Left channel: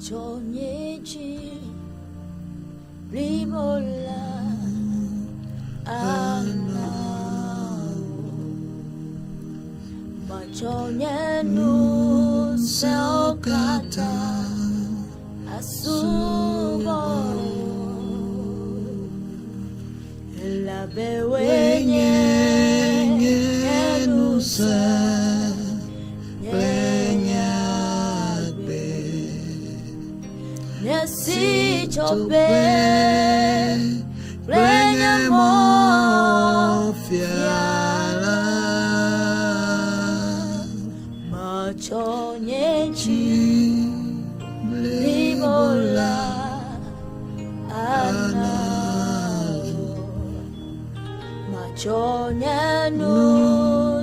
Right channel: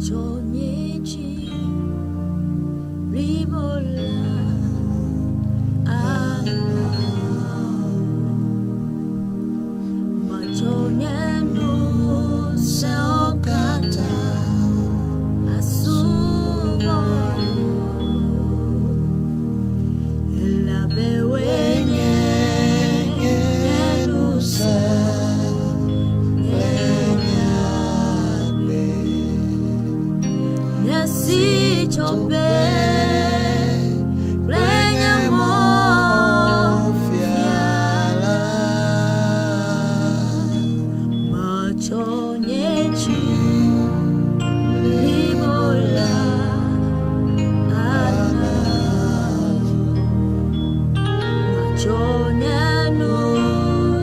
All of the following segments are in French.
machonyeji limola ana machonyenu seokata asubo la bewenye nusa si chope plenya mo fiala machonyechi limola anazo machonyanu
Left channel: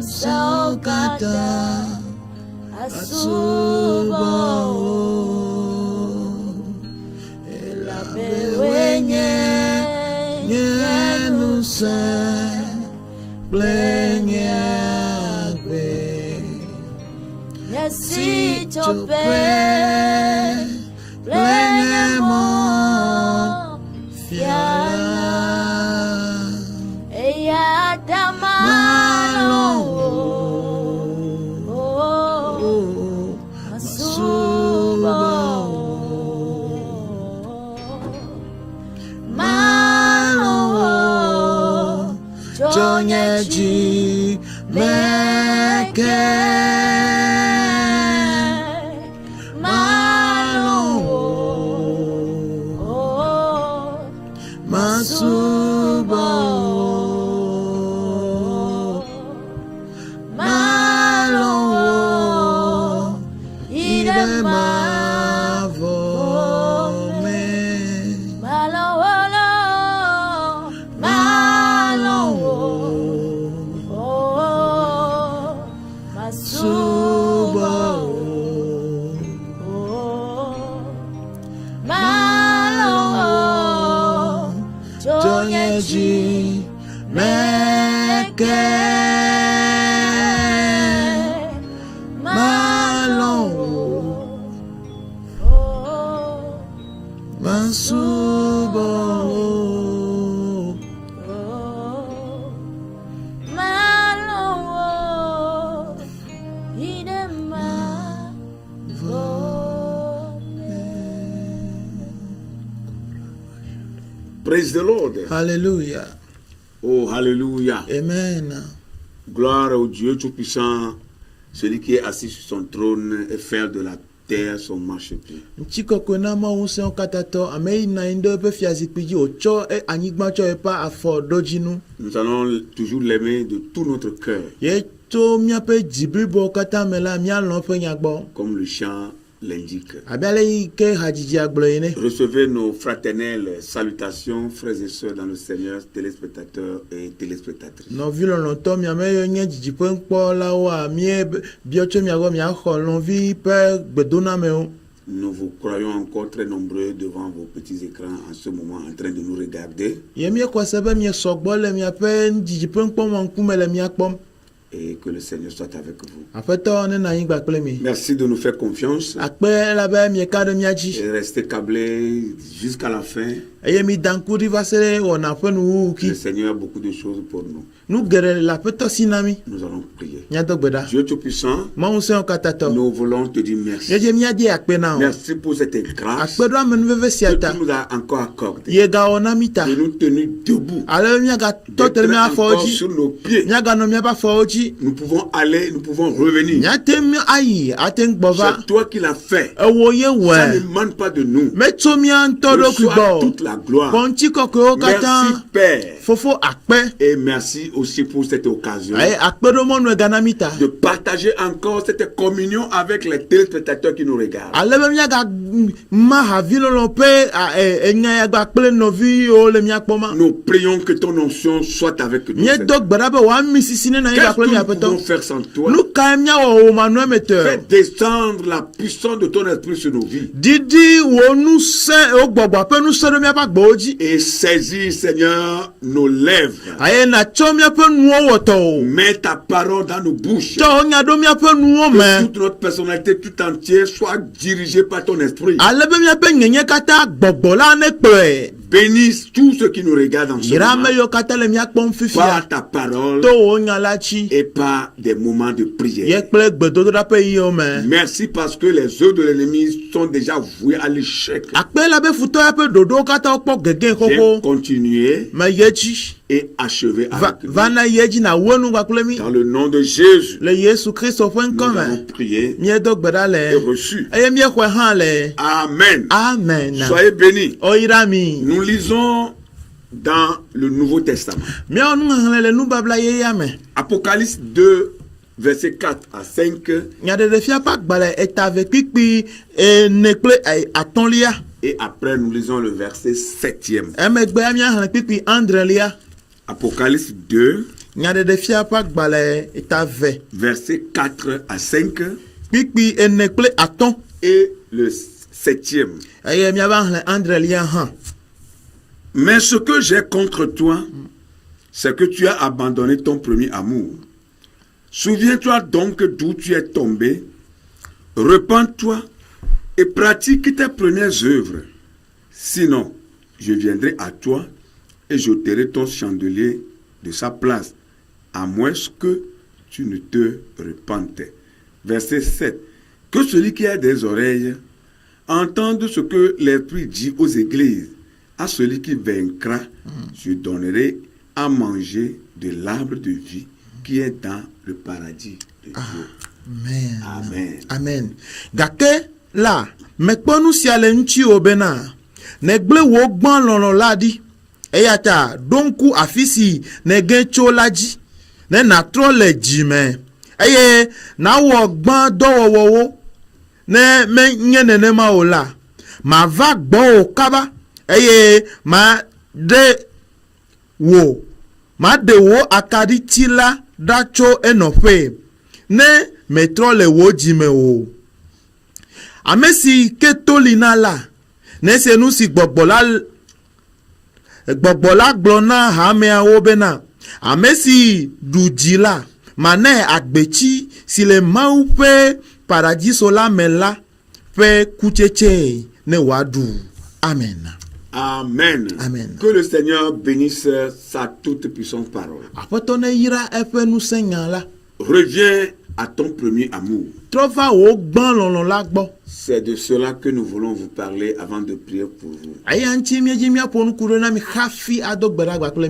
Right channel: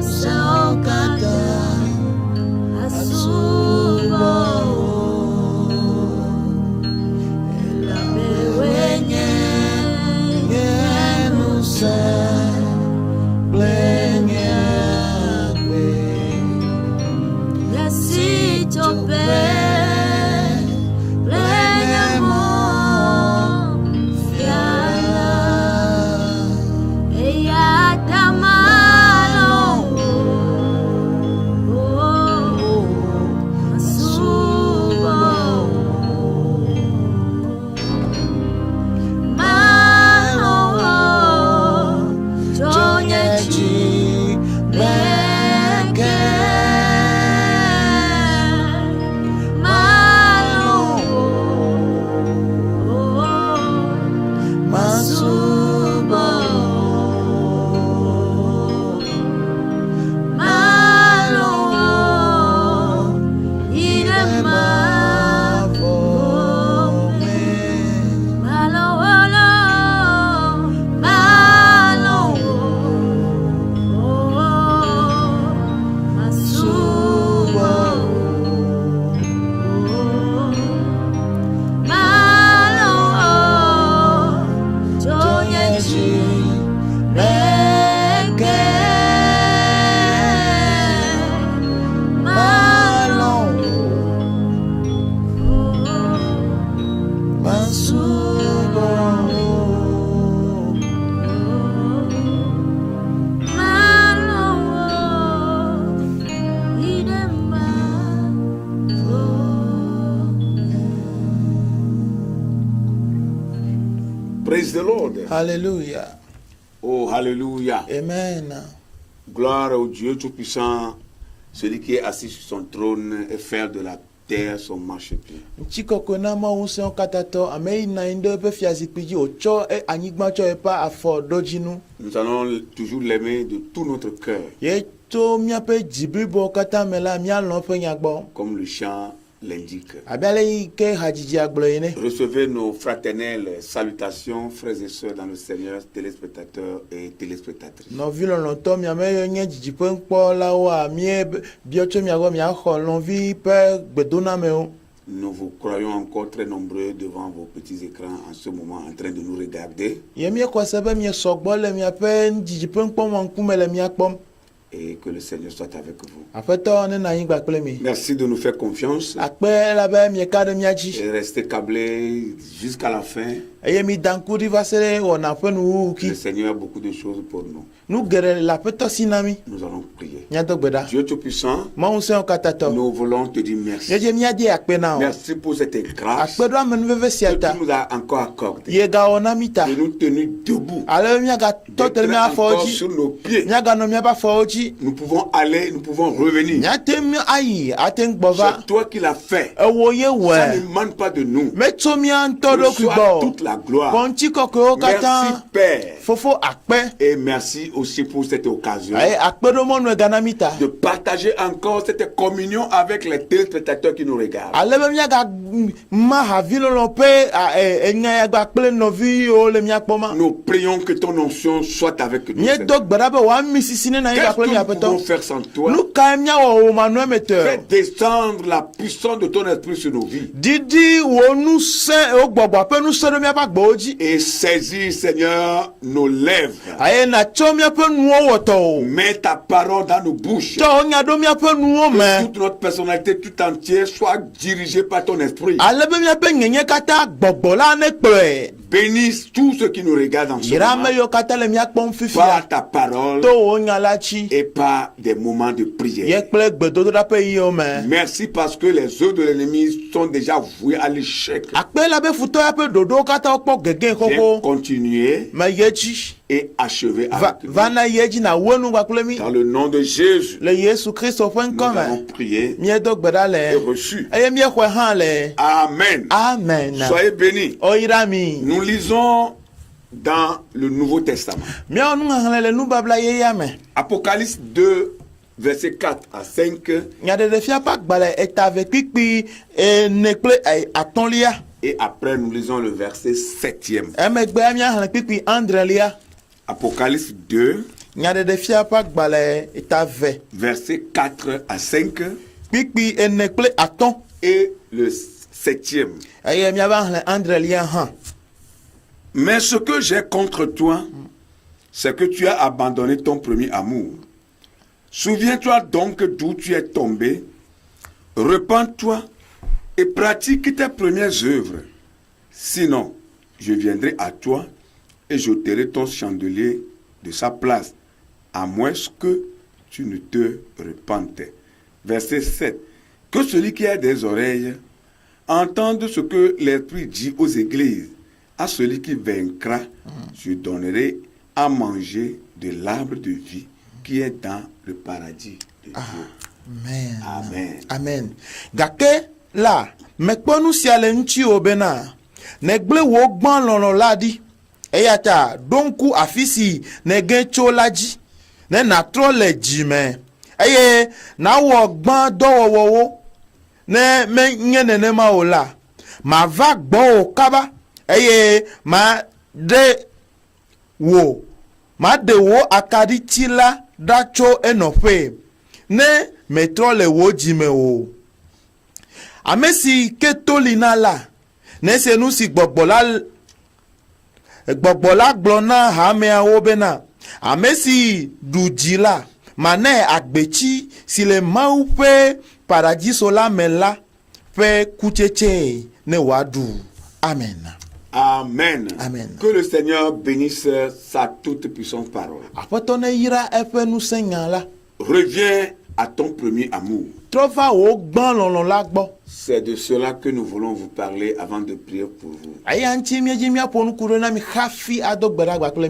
saokata asubo Blenyagbe Nasi chope Blenyamo Fiala Eya damano Asubo Jonyeji Meke Malo Masubo Malo Idema Vome Malo Praise the Lord. Hallelujah. Oh, hallelujah. Amen. Gloire au Dieu Tout-Puissant, celui qui est assis sur son trône et fait de la terre son marchepied. Nous allons toujours l'aimer de tout notre cœur. Comme le chant l'indique. Recevez nos fraternelles salutations, frères et sœurs dans le Seigneur, téléspectateurs et téléspectatrices. Nous vous croyons encore très nombreux devant vos petits écrans en ce moment en train de nous regarder. Et que le Seigneur soit avec vous. Merci de nous faire confiance. Et restez câblés jusqu'à la fin. Le Seigneur a beaucoup de choses pour nous. Nous allons prier. Dieu Tout-Puissant, nous voulons te dire merci. Merci pour cette grâce que tu nous as encore accordée. De nous tenir debout. D'être encore sur nos pieds. Nous pouvons aller, nous pouvons revenir. C'est toi qui l'as fait. Ça ne demande pas de nous. Reçois toute la gloire. Merci Père. Et merci aussi pour cette occasion de partager encore cette communion avec les téléspectateurs qui nous regardent. Nous prions que ton onction soit avec nous. Qu'est-ce que nous pouvons faire sans toi? Fais descendre la puissance de ton esprit sur nos vies. Et saisis, Seigneur, nos lèvres. Mets ta parole dans nos bouches. Que toute notre personnalité tout entière soit dirigée par ton esprit. Bénisse tous ceux qui nous regardent en ce moment par ta parole et par des moments de prière. Merci parce que les œuvres de l'ennemi sont déjà vouées à l'échec. Viens continuer et achever avec nous. Dans le nom de Jésus, nous avons prié et reçu. Amen. Amen. Soyez bénis. Nous lisons dans le Nouveau Testament. Apocalypse 2, versets 4 à 5. Et après, nous lisons le verset 7e. Apocalypse 2, versets 4 à 5. Et le 7e. Mais ce que j'ai contre toi, c'est que tu as abandonné ton premier amour. Souviens-toi donc d'où tu es tombé. Repens-toi et pratique tes premières œuvres. Sinon, je viendrai à toi et j'ôterai ton chandelier de sa place, à moins que tu ne te repentes. Verset 7. Que celui qui a des oreilles entende ce que l'Esprit dit aux églises. À celui qui vaincra, je donnerai à manger de l'arbre de vie qui est dans le paradis de Dieu. Amen. Amen. Gake la, mekponu siale nchi obena. Negle wo gban lolo ladi. Eyata, donku afisi nege cholaji. Ne natro le jime. Eye, na wo gban dowo ne me nyene ne ma ola. Ma va gbo kaba. Eye, ma de wo akadi tila dacho enofe. Ne metro le wo jime o. Amesi ketolina la. Ne se nou si gbogbola glona hame a obena. Amesi dujila. Mane akbechi si le maupe paradiso la mela fe kucheche ne wadu. Amen. Amen. Amen. Que le Seigneur bénisse sa toute puissante parole. Reviens à ton premier amour. C'est de cela que nous voulons vous parler avant de prier pour vous.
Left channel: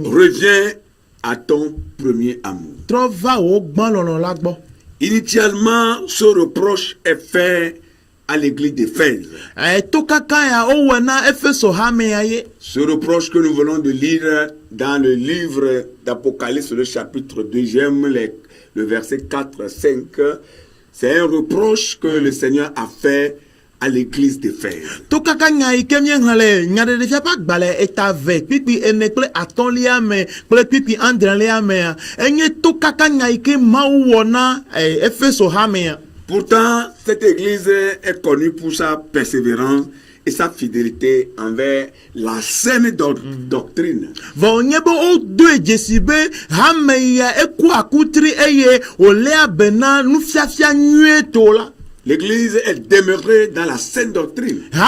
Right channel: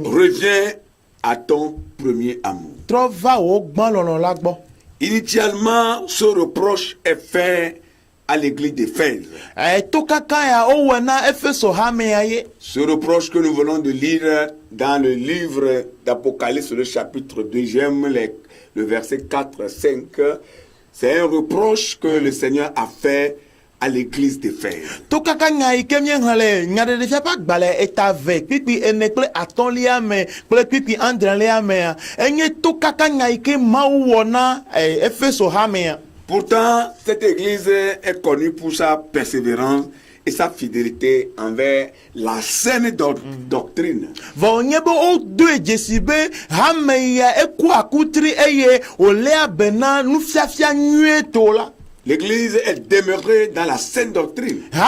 Reviens à ton premier amour. Initialement, ce reproche est fait à l'église d'Éphèse. Ce reproche que nous venons de lire dans le livre d'Apocalypse, le chapitre 2, le verset 4, 5, c'est un reproche que le Seigneur a fait à l'église d'Éphèse. Pourtant, cette église est connue pour sa persévérance et sa fidélité envers la saine doctrine. L'église est demeurée dans la saine doctrine. Vous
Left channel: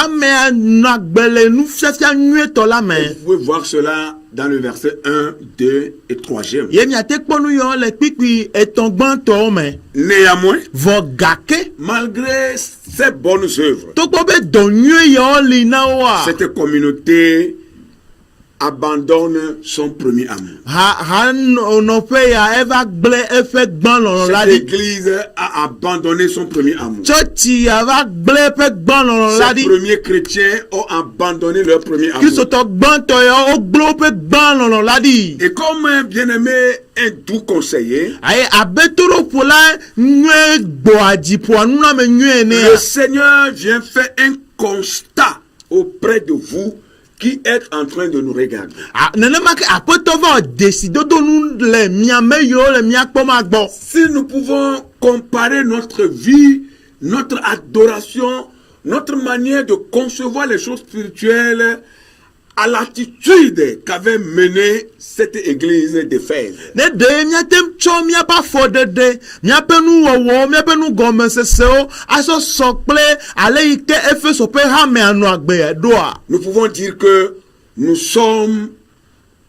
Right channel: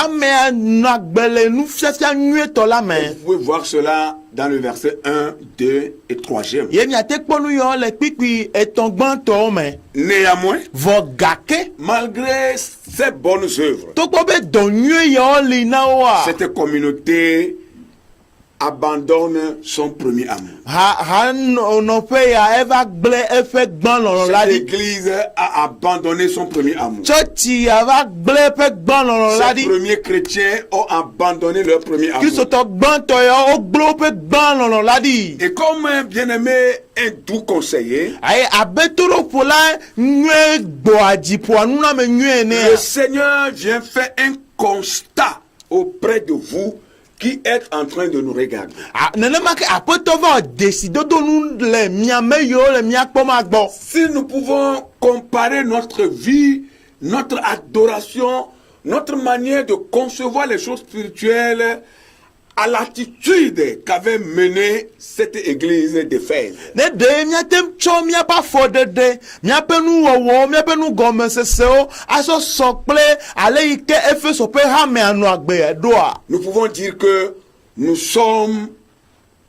pouvez voir cela dans le verset 1, 2 et 3e. Néanmoins, malgré ces bonnes œuvres, cette communauté abandonne son premier amour. Cette église a abandonné son premier amour. Ces premiers chrétiens ont abandonné leur premier amour. Et comme bien-aimé un doux conseiller, le Seigneur vient faire un constat auprès de vous qui est en train de nous regarder. Si nous pouvons comparer notre vie, notre adoration, notre manière de concevoir les choses spirituelles à l'attitude qu'avait mené cette église d'Éphèse. Ne de miatem cho mia pa fodede mia penu wo mia penu gome seseo aso sokple ale ike Efeso pe ha me anu agbe doa. Nous pouvons dire que nous sommes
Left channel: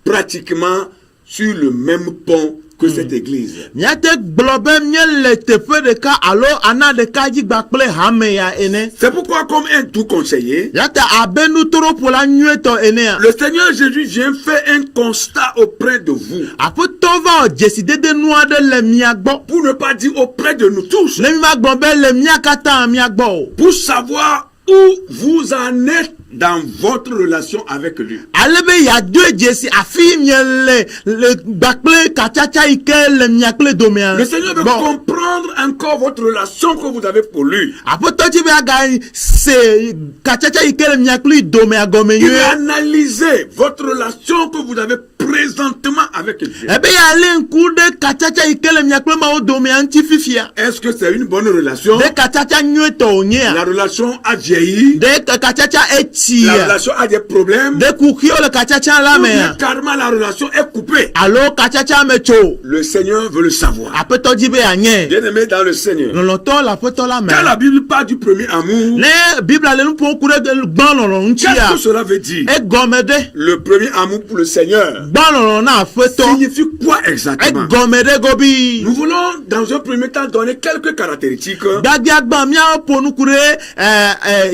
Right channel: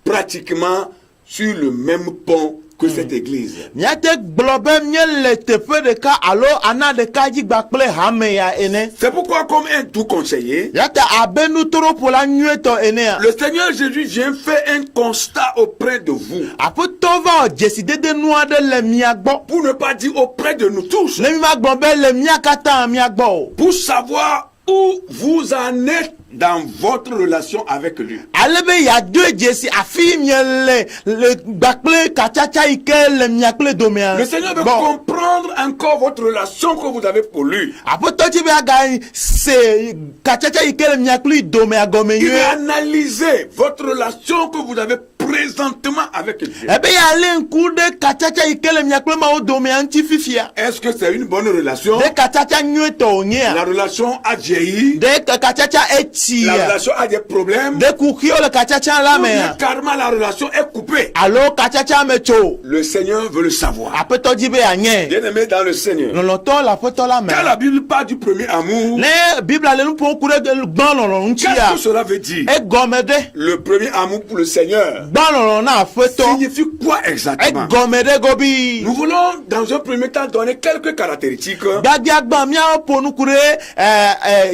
pratiquement sur le même pont que cette église. Miate globe miele tepe de ka alo ana de ka ji gbakple ha me ya ene. C'est pourquoi comme un tout conseiller, Yata abenu toro pour la nueto ene. le Seigneur Jésus vient faire un constat auprès de vous. Apo tova décider de nous de le miagbo. Pour ne pas dire auprès de nous tous. Le miagbo be le miakata miagbo. Pour savoir où vous en êtes dans votre relation avec lui. Alebe ya deux Jesse afi miele le gbakple kachacha ike le miakple domea. Le Seigneur veut comprendre encore votre relation que vous avez pour lui. Apo tochi be aga se kachacha ike le miakple domea gome Il yue. veut analyser votre relation que vous avez présentement avec Dieu. Ebe ya le nkude kachacha ike le miakple ma o domea nti fifia. Est-ce que c'est une bonne relation? De kachacha nyueto onye. La relation a vieilli. De kachacha eti. La relation a des problèmes. De kukio le kachacha la me. Carrément la relation est coupée. Alo kachacha me cho. Le Seigneur veut le savoir. Apo tochi be anye. Bien-aimé dans le Seigneur. Loloto la poto la me. Quand la Bible parle du premier amour, Ne Bible ale nu pon kure de gbanlolo ntia. qu'est-ce que cela veut dire? E gomede. Le premier amour pour le Seigneur Gbanlolo na feto. signifie quoi E exactement? gomede gobi. Nous voulons dans un premier temps donner quelques caractéristiques. Gadiagba mia ponu kure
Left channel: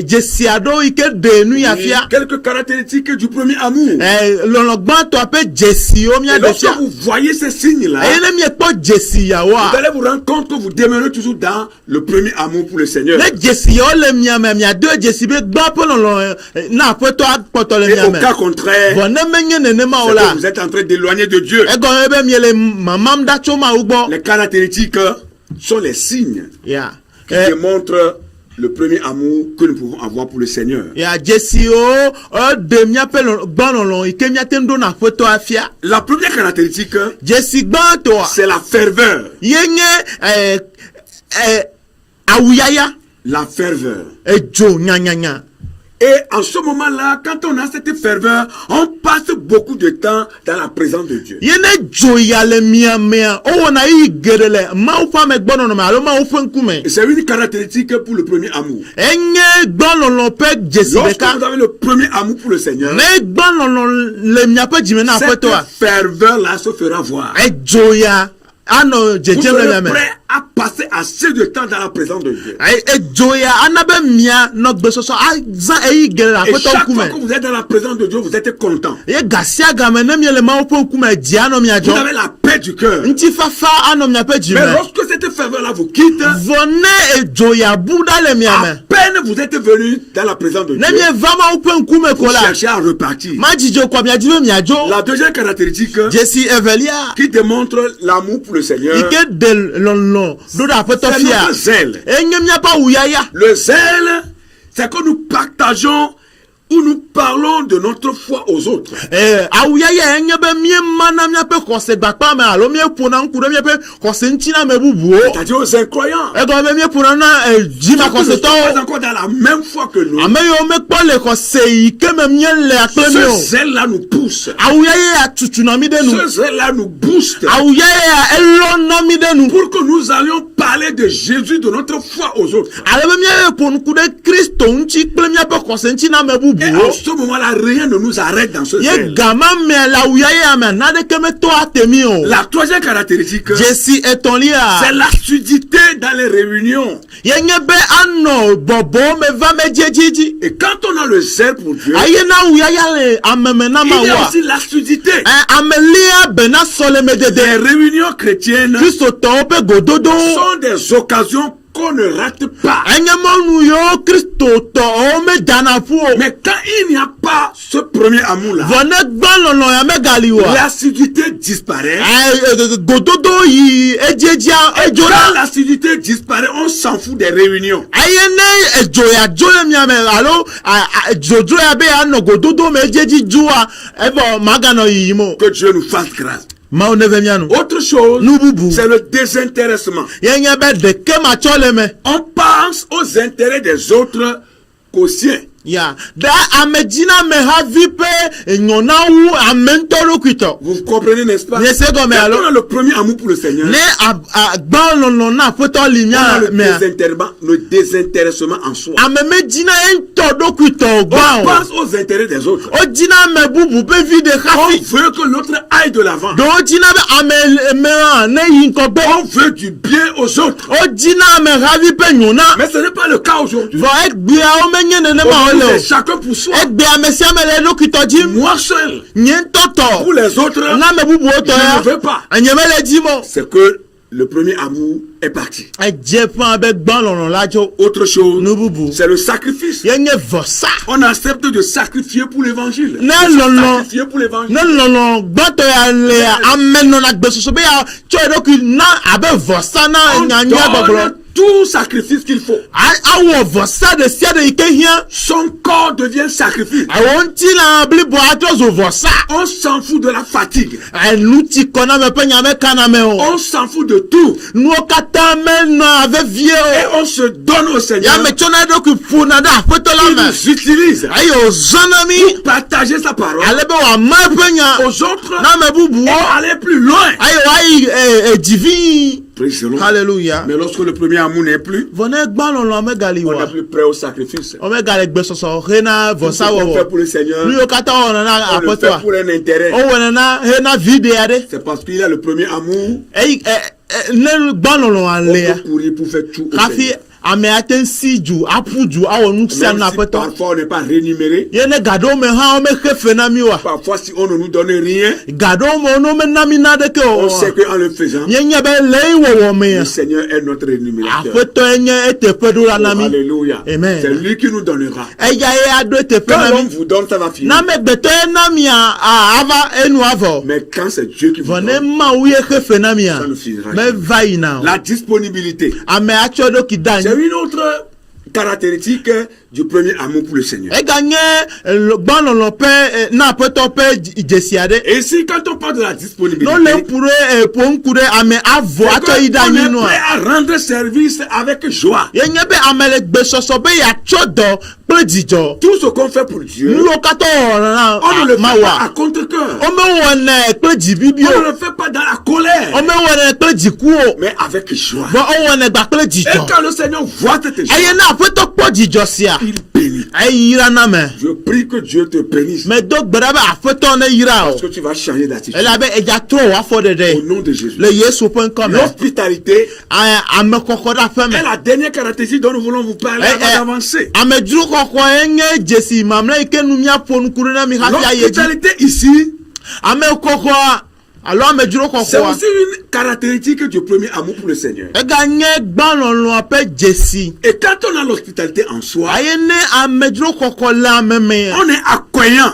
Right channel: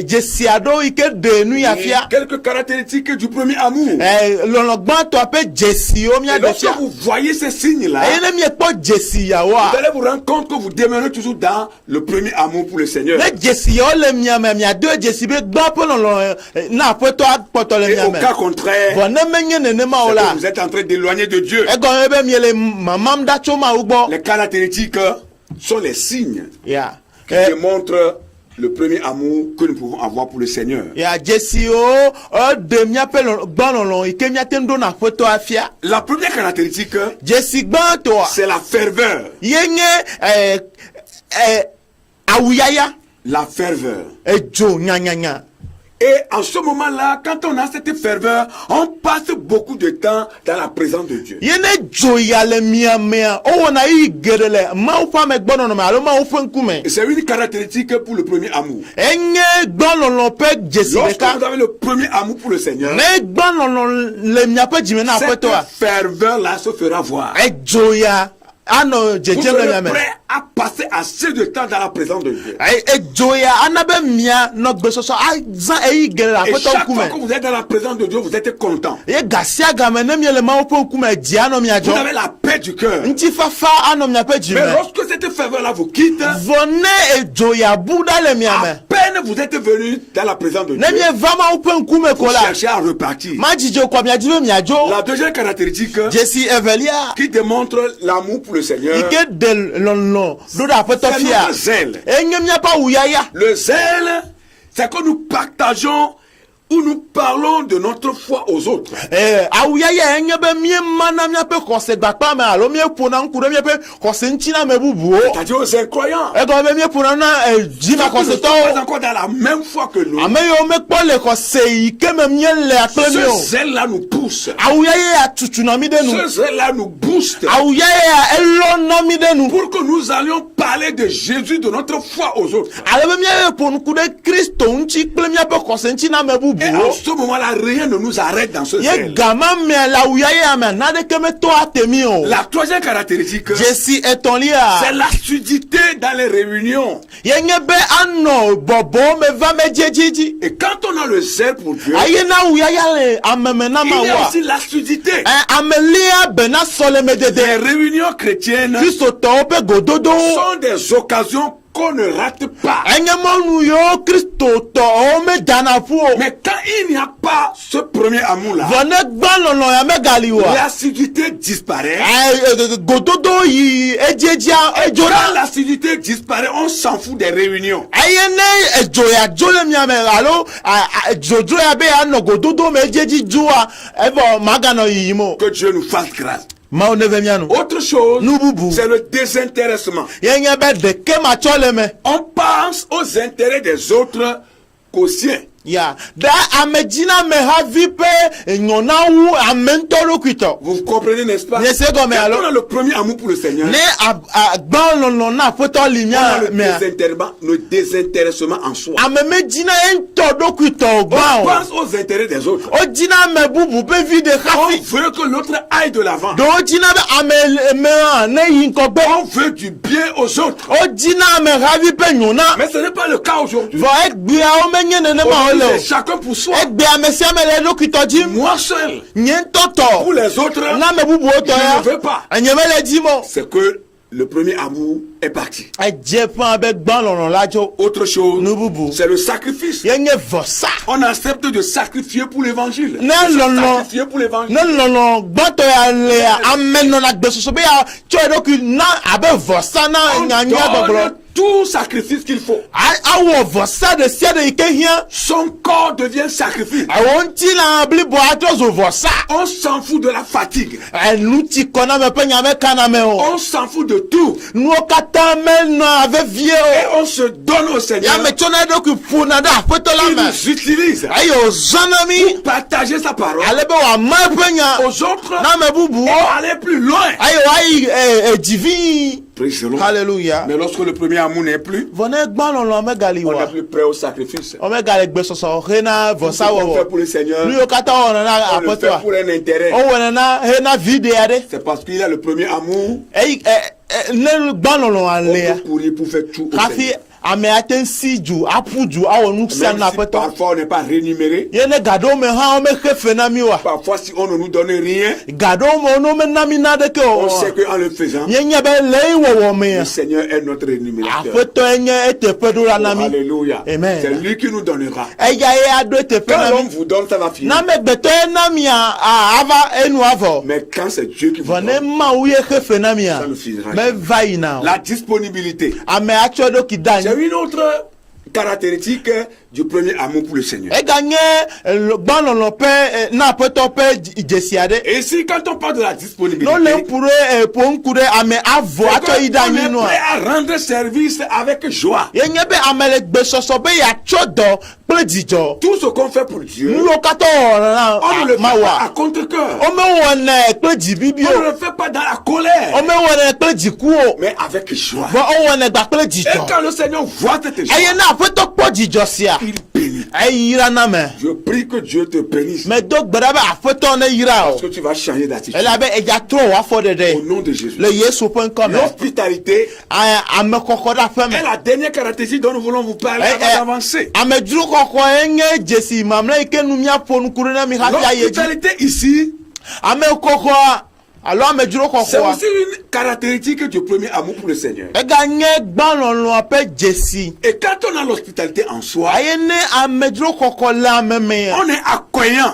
jesiado ike de nu ya fia. Quelques caractéristiques du premier amour. Lolo gban to ape jesio mia Et de lorsque fia. vous voyez ces signes-là, E ne mi e po jesi ya wa. vous allez vous rendre compte que vous demeurez toujours dans le premier amour pour le Seigneur. Ne jesi yo le mia me mia deux jesi be gban po lolo na feto apoto le Et mia au me. cas contraire, Bon ne menye ne ma c'est ola. que vous êtes en train d'éloigner de Dieu. E gomebe mi le mamam da choma ugbo. Les caractéristiques sont les signes Ya. qui démontrent le premier amour que nous pouvons avoir pour le Seigneur. Ya jesi o de mia pe gbanlolo ike mia tendo na feto afia. La première caractéristique, Jesi gban to. c'est la ferveur. Yenye awuyaya La ferveur. ejo nyanyanya. Et en ce moment-là, quand on a cette ferveur, on passe beaucoup de temps dans la présence de Dieu. Yene jo ya le mia mia o wona yi gerele ma u fa me gbono no ma lo ma u fa nkume. Et c'est une caractéristique pour le premier amour. Enye gbono pe jesi Lorsque beka. vous avez le premier amour pour le Seigneur, Ne gbono le mia pe jime na cette feto a. ferveur-là se fera voir. Ejo ya ano Vous jeje le mia serez me. prêt à passer assez de temps dans la présence de Dieu. Ejo ya anabe mia no gbesoso a zan eyi gerele Et feto chaque fois nkume. que vous êtes dans la présence de Dieu, vous êtes content. Ye gasia game ne mi le ma u fa nkume ji ano mia Vous jo. avez la paix du cœur. Nti fafa ano mia pe jime. Mais lorsque cette ferveur-là vous quitte, Vone ejo ya buda le mia me. à peine vous êtes venu dans la présence de Dieu, Ne mi vama upe nkume vous kola. cherchez à repartir. Ma jijo kwa mia jibe mia jo. La deuxième caractéristique Jesi Evelia. qui démontre l'amour pour le Seigneur, Ike de lon do da feto c'est fia. notre zèle. Enye mia pa uyaya. Le zèle, c'est que nous partageons où nous parlons de notre foi aux autres. Awuyaya enye be mie mana mia pe kose gbapa me alo mie pona nkure mie pe kose nchina me bubu. C'est-à-dire aux incroyants. Ego be mie pona na jima Ceux qui ne kose sont to. pas encore dans la même foi que nous. Ame yo me kpo le kose ike me mie le akle mi Ce o. zèle-là nous pousse. Awuyaya ya tutu na mi de nu. Ce zèle-là nous booste. Awuyaya ya elo na mi de nu. Pour que nous allions parler de Jésus, de notre foi aux autres. Ale be mie ponu kude Kristo nchi kple mie pe kose nchina me bubu. Et en ce moment-là, rien ne nous arrête dans ce Ye zèle. gama me la uyaya me na de ke me to atemi o. La troisième caractéristique, Jesi etolia. c'est l'assiduité dans les réunions. Ye nye be ano bobo me va me jejiji. Et quand on a le zèle pour Dieu, Aye na uyaya le ameme na il y a mawa. aussi l'assiduité. Amelia bena sole me Les dede. réunions chrétiennes Kristo to pe gododo. sont des occasions qu'on ne rate pas. Enye monu yo Kristo to o me dana fu o. Mais quand il n'y a pas ce premier amour-là, Vone gbalolo ya me galiwa. l'assiduité disparaît. Gododo yi ejejia Et ejora. quand l'assiduité disparaît, on s'en fout des réunions. Aye ne ejoya jole mi ame alo jojo ya be ano gododo me ejeji jua ebo magano yimo. Que Dieu nous fasse grâce. Ma oneve mianu. Autre chose, Nububu. c'est le désintéressement. Yenye be de ke ma chole me. On pense aux intérêts des autres qu'aux siens. Ya, da amedina me havi pe nyona wu amentoro kwito. Vous comprenez, n'est-ce pas? Ne se go me alo. On a le premier amour pour le Seigneur. Ne gban lo na poto limia me. Le désintéressement en soi. Amedina ento do kwito gban. On pense aux intérêts des autres. O dina me bubu pe vide khafi. On veut que l'autre aille de l'avant. Do dina be ame ne yin ko be. On veut du bien aux autres. O dina me havi pe nyona. Mais ce n'est pas le cas aujourd'hui. Va ek bia o menye ne ma ole. Chacun pour soi. Moi seul. Pour les autres, je ne veux pas. C'est que le premier amour est parti. Autre chose, c'est le sacrifice. On accepte de sacrifier pour l'évangile. Sacrifier pour l'évangile. Tout sacrifice qu'il faut. Son corps devient sacrifice. On s'en fout de la fatigue. On s'en fout de tout. Et on se donne au Seigneur. Il nous utilise pour partager sa parole aux autres et aller plus loin. Alléluia. Mais lorsque le premier amour n'est plus, on n'est plus prêt au sacrifice. On le fait pour le Seigneur. On le fait pour un intérêt. C'est parce qu'il a le premier amour. Pour faire tout au Seigneur. Parfois on n'est pas rémunéré. Parfois si on ne nous donne rien, on sait qu'en le faisant, le Seigneur est notre rémunérateur. Alléluia. C'est lui qui nous donnera. Quand l'homme vous donne, ça va finir. Mais quand c'est Dieu qui vous donne, ça ne finira jamais. La disponibilité. C'est une autre caractéristique du premier amour pour le Seigneur. Et ici, quand on parle de la disponibilité, on est prêt à rendre service avec joie. Tout ce qu'on fait pour Dieu, on ne le fait pas à contre-cœur. On ne le fait pas dans la colère, mais avec joie. Et quand le Seigneur voit cette joie, il bénit. Je prie que Dieu te bénisse. Parce que tu vas changer d'attitude. Au nom de Jésus. L'hospitalité est la dernière caractéristique dont nous voulons vous parler avant d'avancer. L'hospitalité ici, c'est aussi une caractéristique du premier amour pour le Seigneur. Et quand on a l'hospitalité en soi, on est accueillant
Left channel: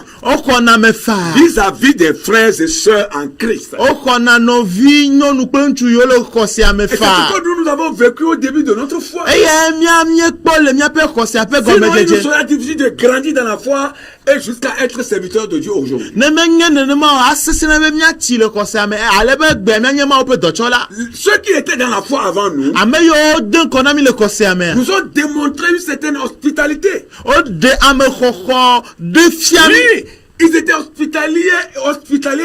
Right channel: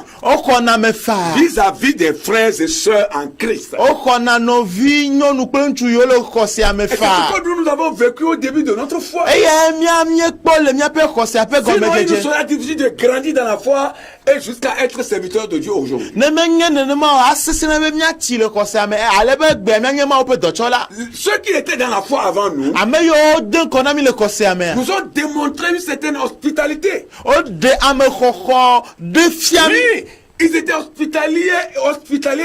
vis-à-vis des frères et sœurs en Christ. Et c'est ce que nous avons vécu au début de notre foi. Sinon, il nous sera difficile de grandir dans la foi et jusqu'à être serviteur de Dieu aujourd'hui. Ceux qui étaient dans la foi avant nous nous ont démontré une certaine hospitalité. Oui, ils étaient hospitaliers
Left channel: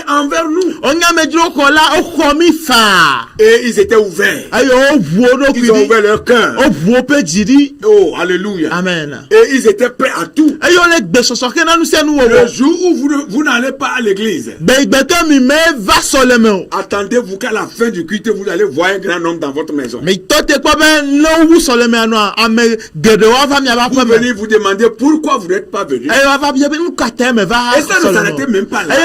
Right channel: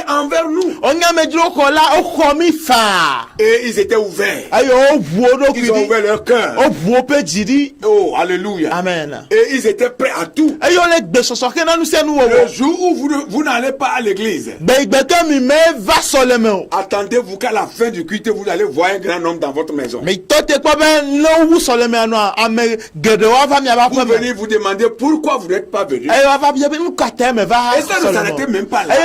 envers nous. Et ils étaient ouverts. Ils ont ouvert leur cœur. Oh, alléluia. Amen. Et ils étaient prêts à tout. Le jour où vous n'allez pas à l'église, attendez-vous qu'à la fin du culte, vous allez voir un grand homme dans votre maison. Vous venez vous demander pourquoi vous n'êtes pas venu. Et ça ne s'arrêtait même pas là.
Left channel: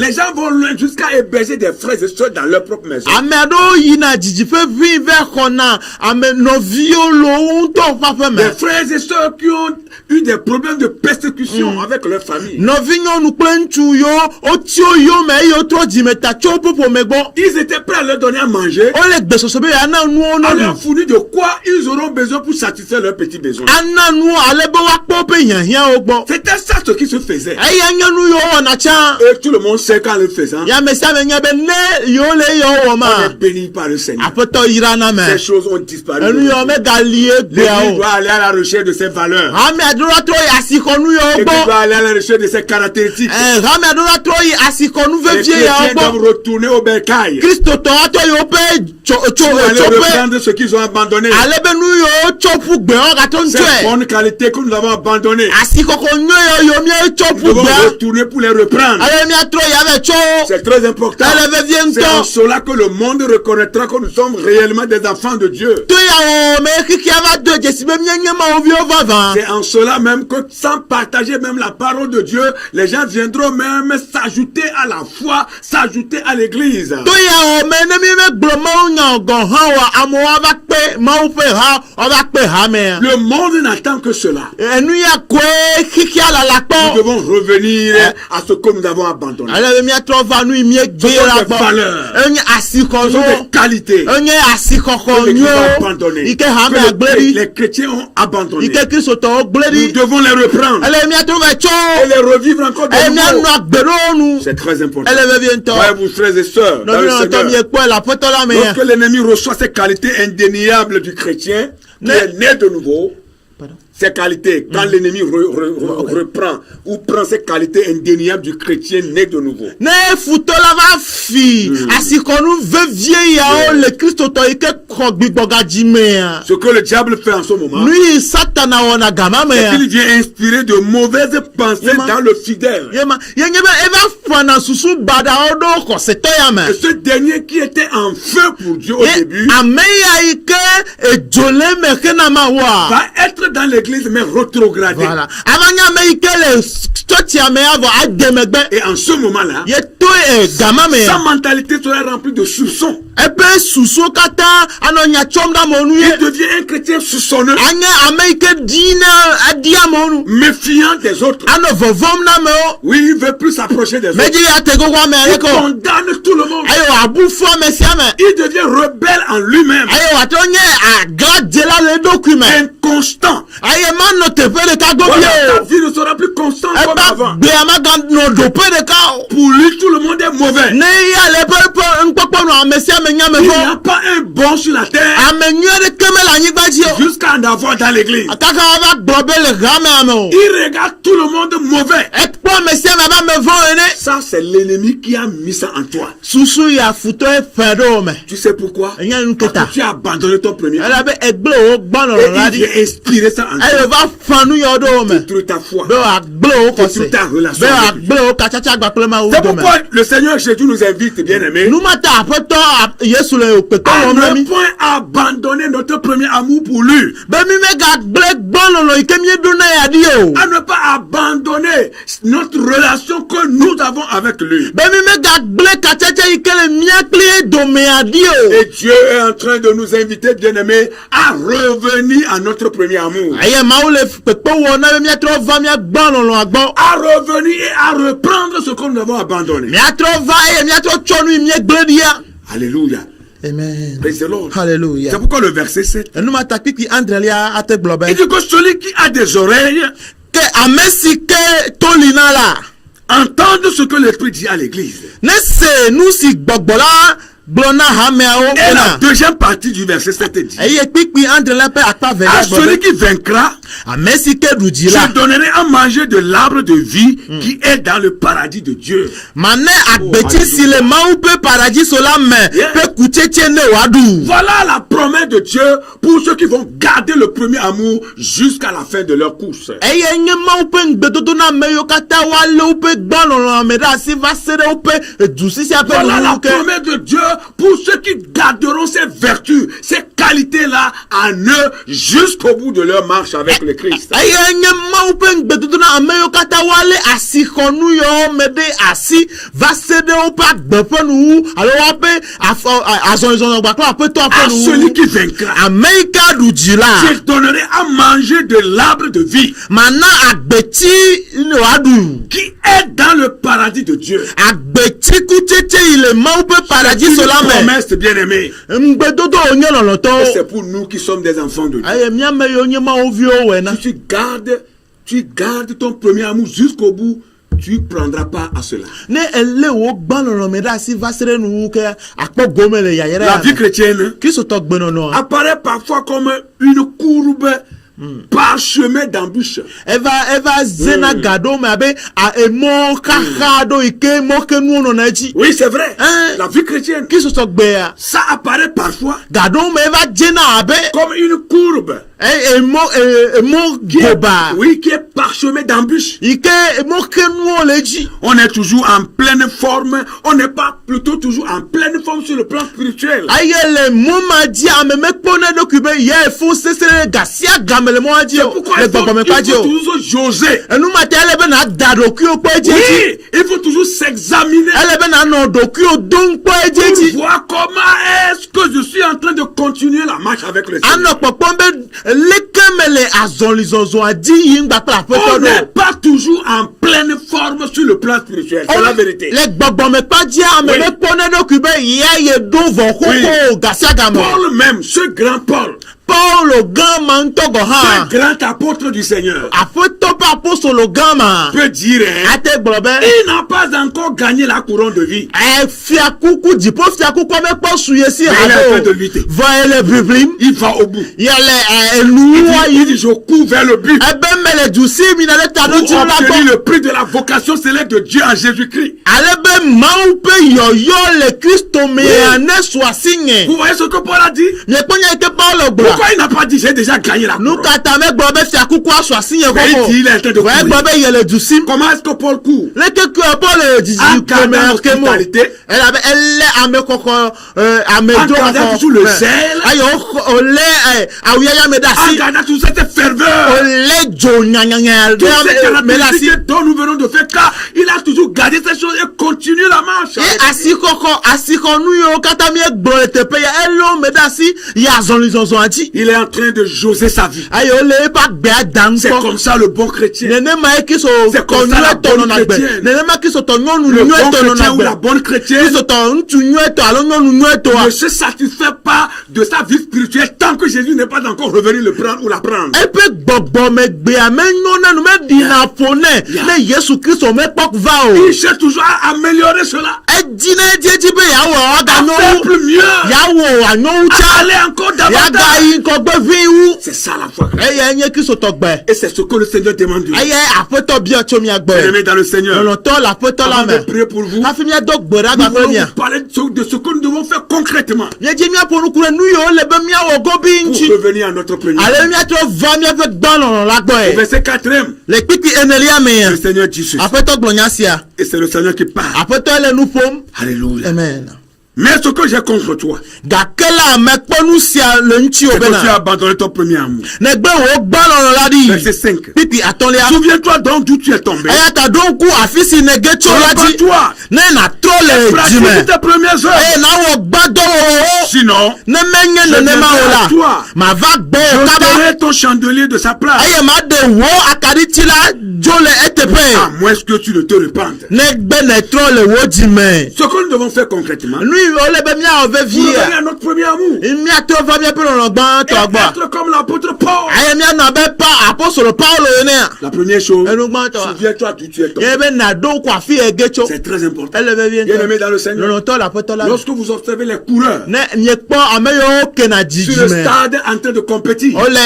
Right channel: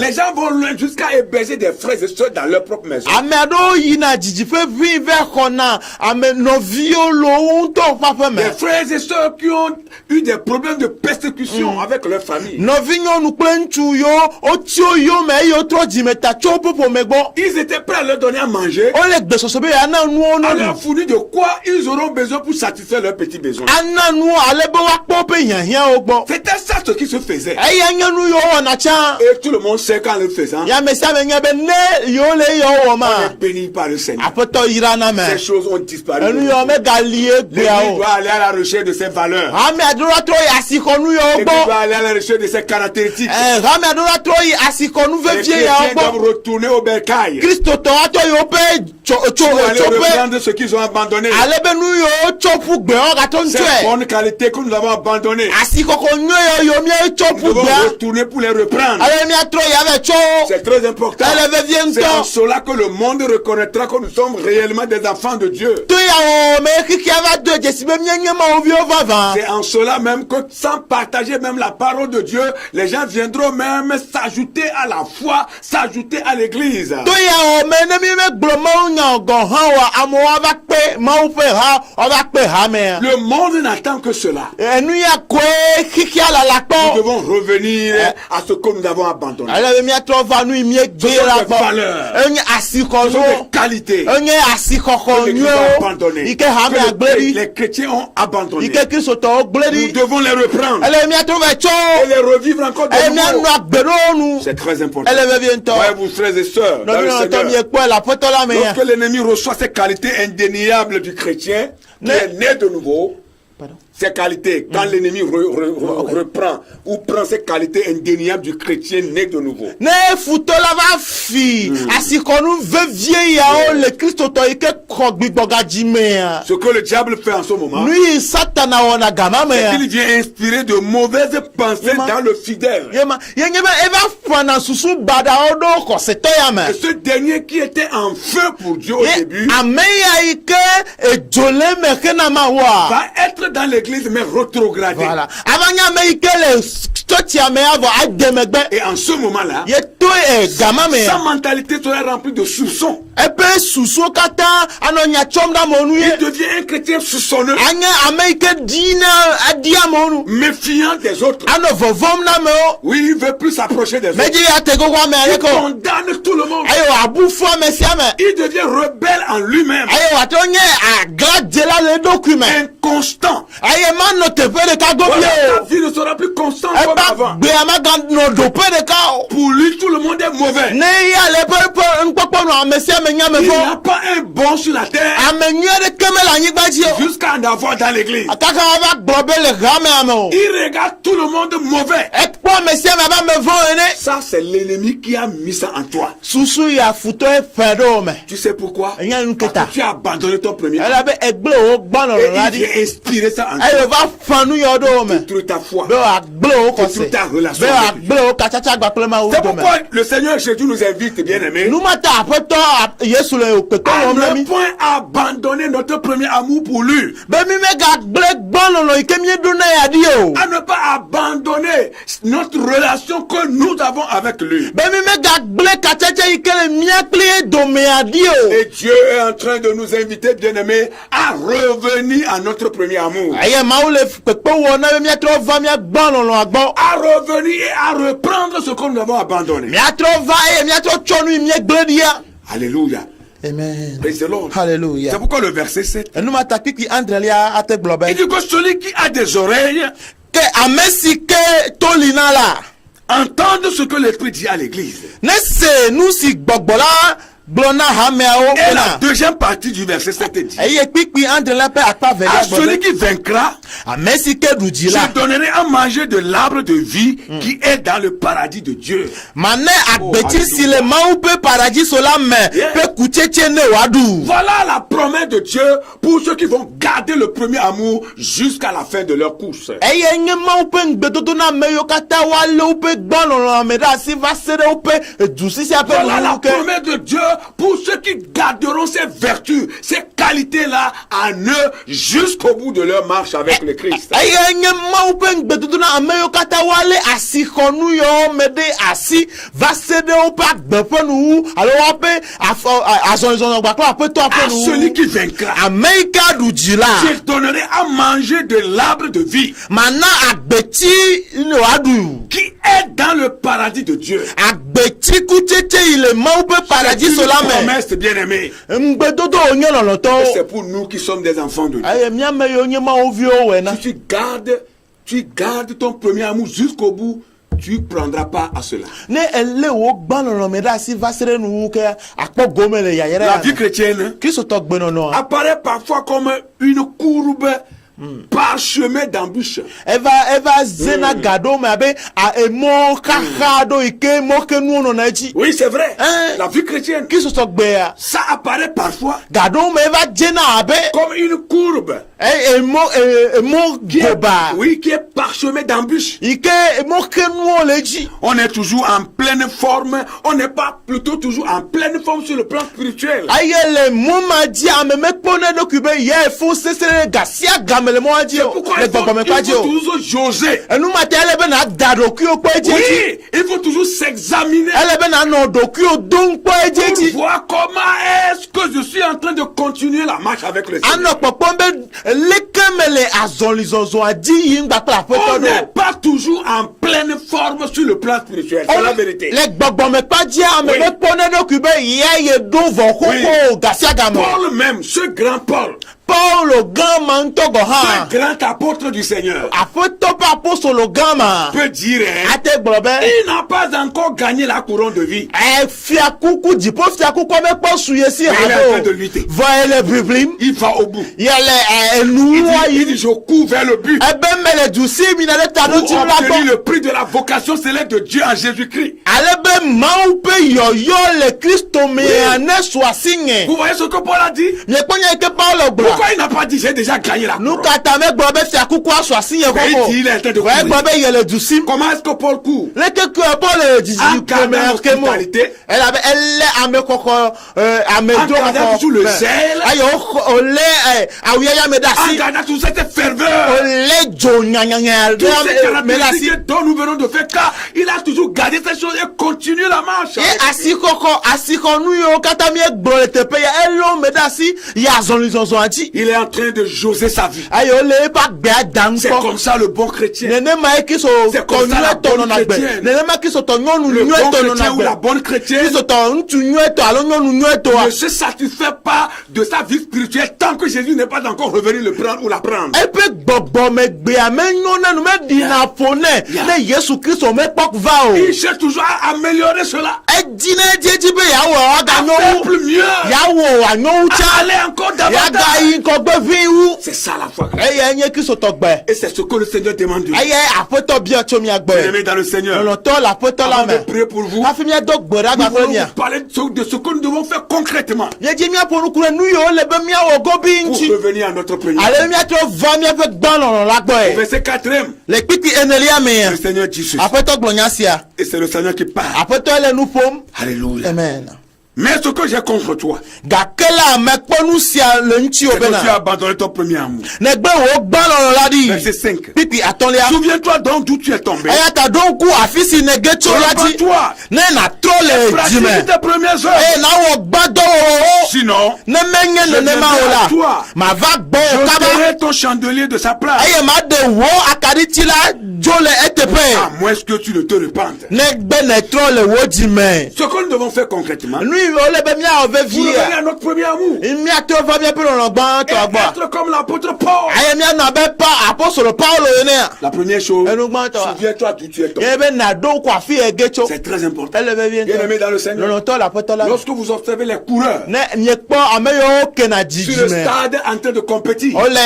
Les gens vont loin jusqu'à héberger des frères et sœurs dans leur propre maison. Des frères et sœurs qui ont eu des problèmes de persécution avec leur famille. Ils étaient prêts à leur donner à manger, à leur fournir de quoi ils auront besoin pour satisfaire leurs petits besoins. C'était ça ce qui se faisait. faisait. Et tout le monde sait qu'en le faisant, on est béni par le Seigneur. Ces choses ont disparu. L'Église doit aller à la recherche de ses valeurs. L'Église doit aller à la recherche de ses caractéristiques. Les chrétiens doivent retourner au bercail. Aller reprendre ce qu'ils ont abandonné. Ces bonnes qualités que nous avons abandonnées. Nous devons retourner pour les reprendre. C'est très important. C'est en cela que le monde reconnaîtra que nous sommes réellement des enfants de Dieu. C'est en cela même que sans partager même la parole de Dieu, les gens viendront même s'ajouter à la foi, s'ajouter à l'église. Le monde n'attend que cela. Nous devons revenir à ce que nous avons abandonné. Ce sont des valeurs, ce sont des qualités que l'Église a abandonnées, que les chrétiens ont abandonnées. Nous devons les reprendre et les revivre encore de nouveau. C'est très important. Ouais, vous frères et sœurs, dans le Seigneur, lorsque l'ennemi reçoit ces qualités indéniables du chrétien qui est né de nouveau, ces qualités, quand l'ennemi reprend ou prend ces qualités indéniables du chrétien né de nouveau. Ce que le diable fait en ce moment, c'est qu'il vient inspirer de mauvaises pensées dans le fidèle. Et ce dernier qui était en feu pour Dieu au début, va être dans l'église mais rétrogradé. Voilà. Et en ce moment-là, sa mentalité sera remplie de soupçons. Il devient un chrétien soupçonneux, méfiant des autres. Oui, il veut plus s'approcher des autres. Il condamne tout le monde. Il devient rebelle en lui-même, inconstant. Voilà, ta vie ne sera plus constante comme avant. Pour lui, tout le monde est mauvais. Il n'y a pas un bon sur la terre jusqu'à en avoir dans l'église. Il regarde tout le monde mauvais. Ça, c'est l'ennemi qui a mis ça en toi. Tu sais pourquoi? Parce que tu as abandonné ton premier. Et il a inspiré ça en toi. Détruire ta foi, détruire ta relation. C'est pourquoi le Seigneur Jésus nous invite, bien aimés, à ne point abandonner notre premier amour pour lui. À ne pas abandonner notre relation que nous avons avec lui. Et Dieu est en train de nous inviter, bien aimés, à revenir à notre premier amour. À revenir et à reprendre ce que nous avons abandonné. Alléluia. Amen. Praise the Lord. Hallelujah. C'est pourquoi le verset 7. Il dit que celui qui a des oreilles entende ce que l'Esprit dit à l'église. Et la deuxième partie du verset 7 dit: à celui qui vaincra, je donnerai à manger de l'arbre de vie qui est dans le paradis de Dieu. Voilà la promesse de Dieu pour ceux qui vont garder le premier amour jusqu'à la fin de leur course. Voilà la promesse de Dieu pour ceux qui garderont ces vertus, ces qualités-là en eux jusqu'au bout de leur marche avec le Christ. À celui qui vaincra, je donnerai à manger de l'arbre de vie qui est dans le paradis de Dieu. Promesse, bien aimé. C'est pour nous qui sommes des enfants de Dieu. Tu gardes ton premier amour jusqu'au bout. tu prendras part à cela. Ne ele wo gban lɔlɔ me da si va se ɖe nu ke akpɔ gome le yayɛrɛ La vie chrétienne Kristo tɔ gbenɔnɔ apparaît parfois comme une courbe parchemin d'embûches. Eva zena gado me abe emo kaka do ike mo ke nu no na edzi. Oui, c'est vrai. La vie chrétienne. Kristo tɔ gbea. Ça apparaît parfois Gado me eva jena abe comme une courbe. Emo goba. Oui, qui est parchemin d'embûches. Ike mo ke nu le edzi. On est toujours en pleine forme. On n'est pas plutôt toujours en pleine forme sur le plan spirituel. Ayele mo ma di ame me kpone do kube ye fo sesere gasia game le mo adzi C'est o. pourquoi Le il gbɔgbɔ me faut kpa dzi o. toujours jauger. Enu ma te ele be na da dokui o kpɔ edzi. Oui, il faut toujours s'examiner. Ele be na nɔ dokui o don kpɔ edzi. Pour voir comment est-ce que je suis en train de continuer la marche avec le Seigneur. Anɔ kpɔkpɔm be leke me le azɔlizɔzɔ adi yi ŋgba kple aƒetɔ On n'est do. pas toujours en pleine forme sur le plan spirituel. C'est la vérité. Le gbɔgbɔ me kpa dzi ame Oui. me kpɔne ɖokui be ya ye do vɔ koko gasia game. Paul même, ce grand Paul, Paulo gã ma ŋutɔ gɔ hã. ce grand apôtre du Seigneur, Aƒetɔ ƒe apostolo gã ma. peut dire, hein, Ate gblɔ be. il n'a pas encore gagné la couronne de vie. Fiakuku dziƒo fiakuku me kpɔ su ye si Mais il est en train de lutter. vɔ ele biblim. Il va au bout. Yele enuwa Il yi. dit, je cours vers le but Ebe me le du si mina ɖe ta pour ɖo tsi la obtenir gbɔ. le prix de la vocation céleste de Dieu en Jésus-Christ. Ale be Mawu ƒe yɔyɔ le Kristo mea ne su asi nye. Vous voyez ce que Paul a dit? Miekpɔ nya yi ke Paulo gblɔ. Pourquoi il n'a pas dit, j'ai déjà gagné la Nu couronne? katã megblɔ be fiakuku asu asi nye Mais il dit, il est en train de kɔkɔ. Vɔ egblɔ courir. be yele du sim. Comment est-ce que Paul court? Leke ke Paul En dzidzi gardant kemɛ kemo. l'hospitalité. Elabe ele ame kɔkɔ ame En do gardant toujours le zèle. Ayi ole awuyaya me da En si. gardant toute cette ferveur. Ole dzo nyanyanya Toutes ces ɖe me da si. caractéristiques dont nous venons de faire cas, il a toujours gardé ces choses et continue la marche. Ye asikɔnu yiwo katã miegblɔ le teƒe ya eliwo me da si yi azɔlizɔzɔ adzi. Il est en train de jauger sa vie. Ayi ole eƒe agbea dam C'est kpɔ. comme ça le bon chrétien. Nenema ye Kristo C'est tɔ comme ça la nyuietɔ bonne nɔna gbe. chrétienne. Nenema Kristo tɔ nyɔnu Le bon nyuietɔ chrétien nɔna ou la gbe. bonne chrétienne Kristo tɔ ŋutsu nyuietɔ alo nyɔnu nyuietɔa. ne se satisfait pas de sa vie spirituelle tant que Jésus n'est pas encore revenu le prendre ou la prendre. Eƒe gbɔgbɔmegbea menyɔ na nu meɖina ƒo nɛ Yeah. ne Yesu Kristo mekpɔ va o. Il cherche toujours à améliorer cela. Edzi ne edzi be yawɔ À aganyɔ faire wu. plus mieux. Yawɔ anyɔ wu À tsa. aller encore Yaga davantage. yi ŋkɔgbe vi wu. C'est ça la foi. Eya nye Kristo tɔ gbe. Et c'est ce que le Seigneur demande de nous. Eye aƒetɔ bia tso mia gbɔ. Bien-aimés dans le Seigneur. Lɔlɔtɔ le aƒetɔ la Avant me. de prier pour vous, Hafi miado gbe ɖa nous gba kple voulons mia. vous parler de ce que nous devons faire concrètement Miedzi miaƒo nuku ɖe nu yiwo le be miawɔ gobi pour ŋuti. revenir à notre premier. Ale miatrɔ va miaƒe gbalɔlɔ la gbɔe. Verset 4e, Le kpikpi enelia mea. le Seigneur dit ceci. Aƒetɔ gblɔ nya sia. Et c'est le Seigneur qui parle. Aƒetɔ le nu ƒom. Alléluia. Amen. Mais ce que j'ai contre toi, Gake la mekpɔ nu sia le ŋuti c'est o que tu as bena. abandonné ton premier amour. Negbe wo gbalɔlɔ la Verset ɖi. 5. Kpikpi atɔ̃lia. Souviens-toi donc d'où tu es tombé. Eya ta ɖo ŋku afi si nege tso la dzi. Prépare-toi. Ne natrɔ le Pratique dzime. tes premières œuvres. Eye nawɔ gbadɔwɔwɔ. Sinon, Ne menye nenema o Toi. la. Mava gbɔ o kaba. j'ôterai ton chandelier de sa place. Eye maɖe wo akaɖiti la dzo le À eteƒe. moins que tu ne te repentes. Negbe netrɔ le wo dzime. Ce que nous devons faire concrètement, Nu yi wole be miawɔ pour revenir vevie. à notre premier amour, Miatrɔ va miaƒe lɔlɔ gbãtɔ gbɔ. être comme l'apôtre Paul. Eye mianɔ abe apostolo Paulo enea. La première chose, Enu gbãtɔ. souviens-toi d'où tu es tombé. Ye be naɖo ŋku afi ege tso. C'est très important. Ele vevie Bien-aimés dans le Seigneur, Lɔlɔtɔ le aƒetɔ la. lorsque vous observez les coureurs Ne miekpɔ ame yiwo kena sur le dzidzime. stade en train de compétir, Wole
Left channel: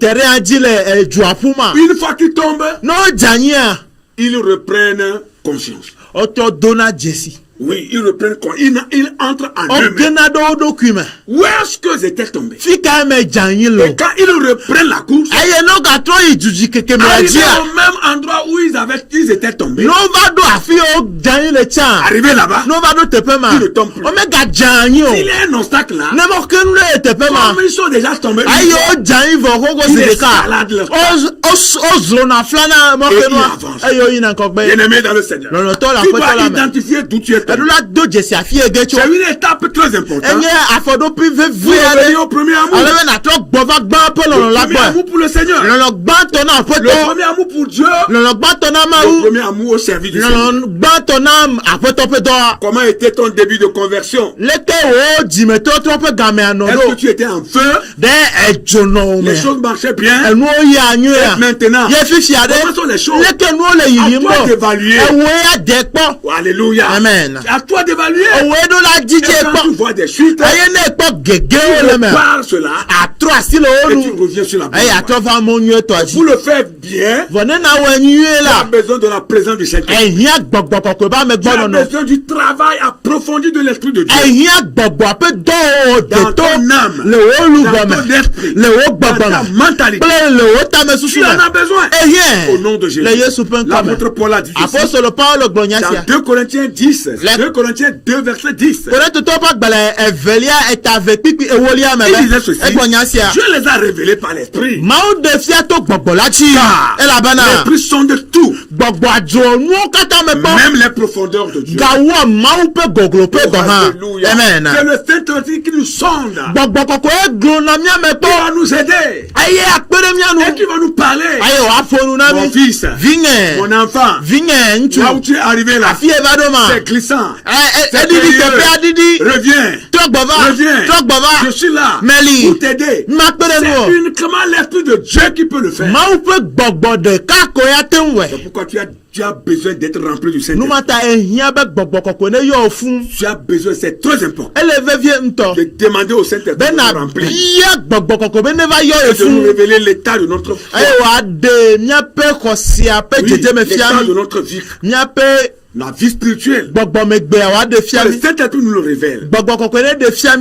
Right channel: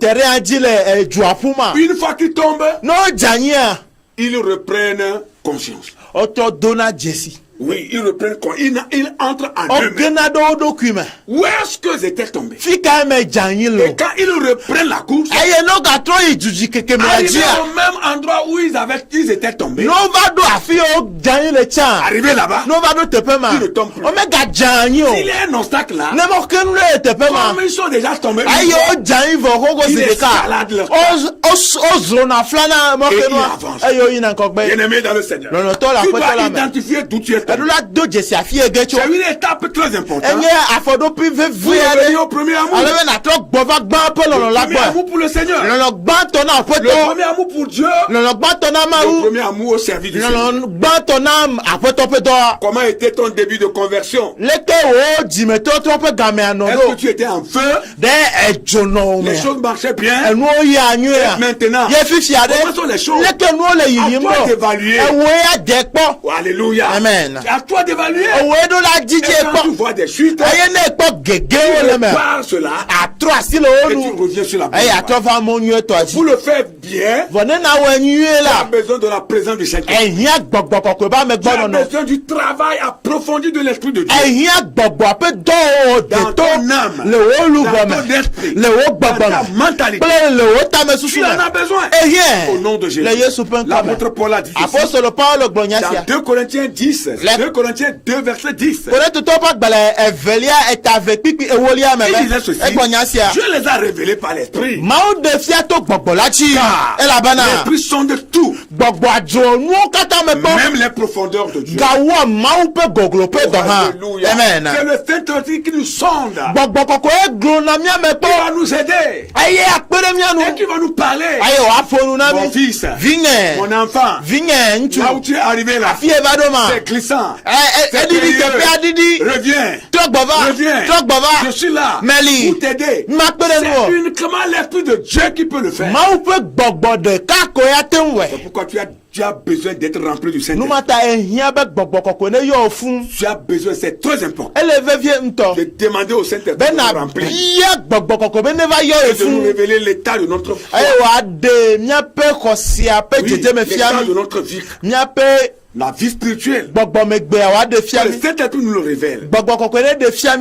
terrain dzi le dzoaƒu ma. une fois qu'ils tombent, Ne wodzanyia. ils reprennent conscience. Wotɔ dona dzesi. Oui, ils reprennent conscience. Ils entrent en eux-mêmes. Wogena ɖe wo ɖokui me. Où est-ce qu'ils étaient tombés? Fi ka me dzanyi lo. Et quand ils reprennent la course, Eye ne wogatrɔ yi dzudzi keke mea arrivés dzia. au même endroit où ils étaient tombés, Ne wova ɖo afi yi wo dzanyi le tsã. arrivés là-bas, Ne wova ɖo teƒe ma. Il ne tombe plus. Womegadze o. s'il y a un obstacle là, Ne mɔke nu ɖe teƒe ma. comme ils sont déjà tombés, Ayi wodzanyi vɔ xoxo si Ils ɖeka. escaladent leur Wozlɔna fla na Et mɔke ils nua. avancent. Eye woyina ŋkɔgbe. bien-aimés dans le Seigneur, Lɔlɔtɔ le tu aƒetɔ dois la me. identifier d'où tu es cette année. C'est une étape très importante. Pour revenir au premier amour. Le premier amour pour le Seigneur. Le premier amour pour Dieu. Le premier amour au service du Seigneur. Comment était ton début de conversion? Est-ce que tu étais en feu? Les choses marchaient bien. Et maintenant, comment sont les choses? À toi d'évaluer. Oh, alléluia. Amen. À toi d'évaluer. Et quand tu vois des chutes, tu répares cela. Et tu reviens sur la bonne voie. Pour le faire bien, tu as besoin de la présence du Seigneur. Tu as besoin du travail approfondi de l'Esprit de Dieu. Dans ton âme, dans ton esprit, dans ta mentalité. Tu en as besoin. Au nom de Jésus. L'apôtre Paul a dit ceci. Dans 2 Corinthiens 10, 2 Corinthiens 2 verset 10. Il disait ceci. Dieu les a révélés par l'Esprit. L'Esprit sonde tout. Même les profondeurs de Dieu. Alléluia. C'est le Saint-Esprit qui nous sonde. Qui va nous aider. Et qui va nous parler. Mon fils, mon enfant, là où tu es arrivé là, c'est glissant. C'est périlleux. Reviens. Je suis là pour t'aider. C'est uniquement l'Esprit de Dieu qui peut le faire. C'est pourquoi tu as besoin d'être rempli du Saint-Esprit. Tu as besoin, c'est très important, de demander au Saint-Esprit de nous remplir et de nous révéler l'état de notre foi, l'état de notre vie, la vie spirituelle. Le Saint-Esprit nous le révèle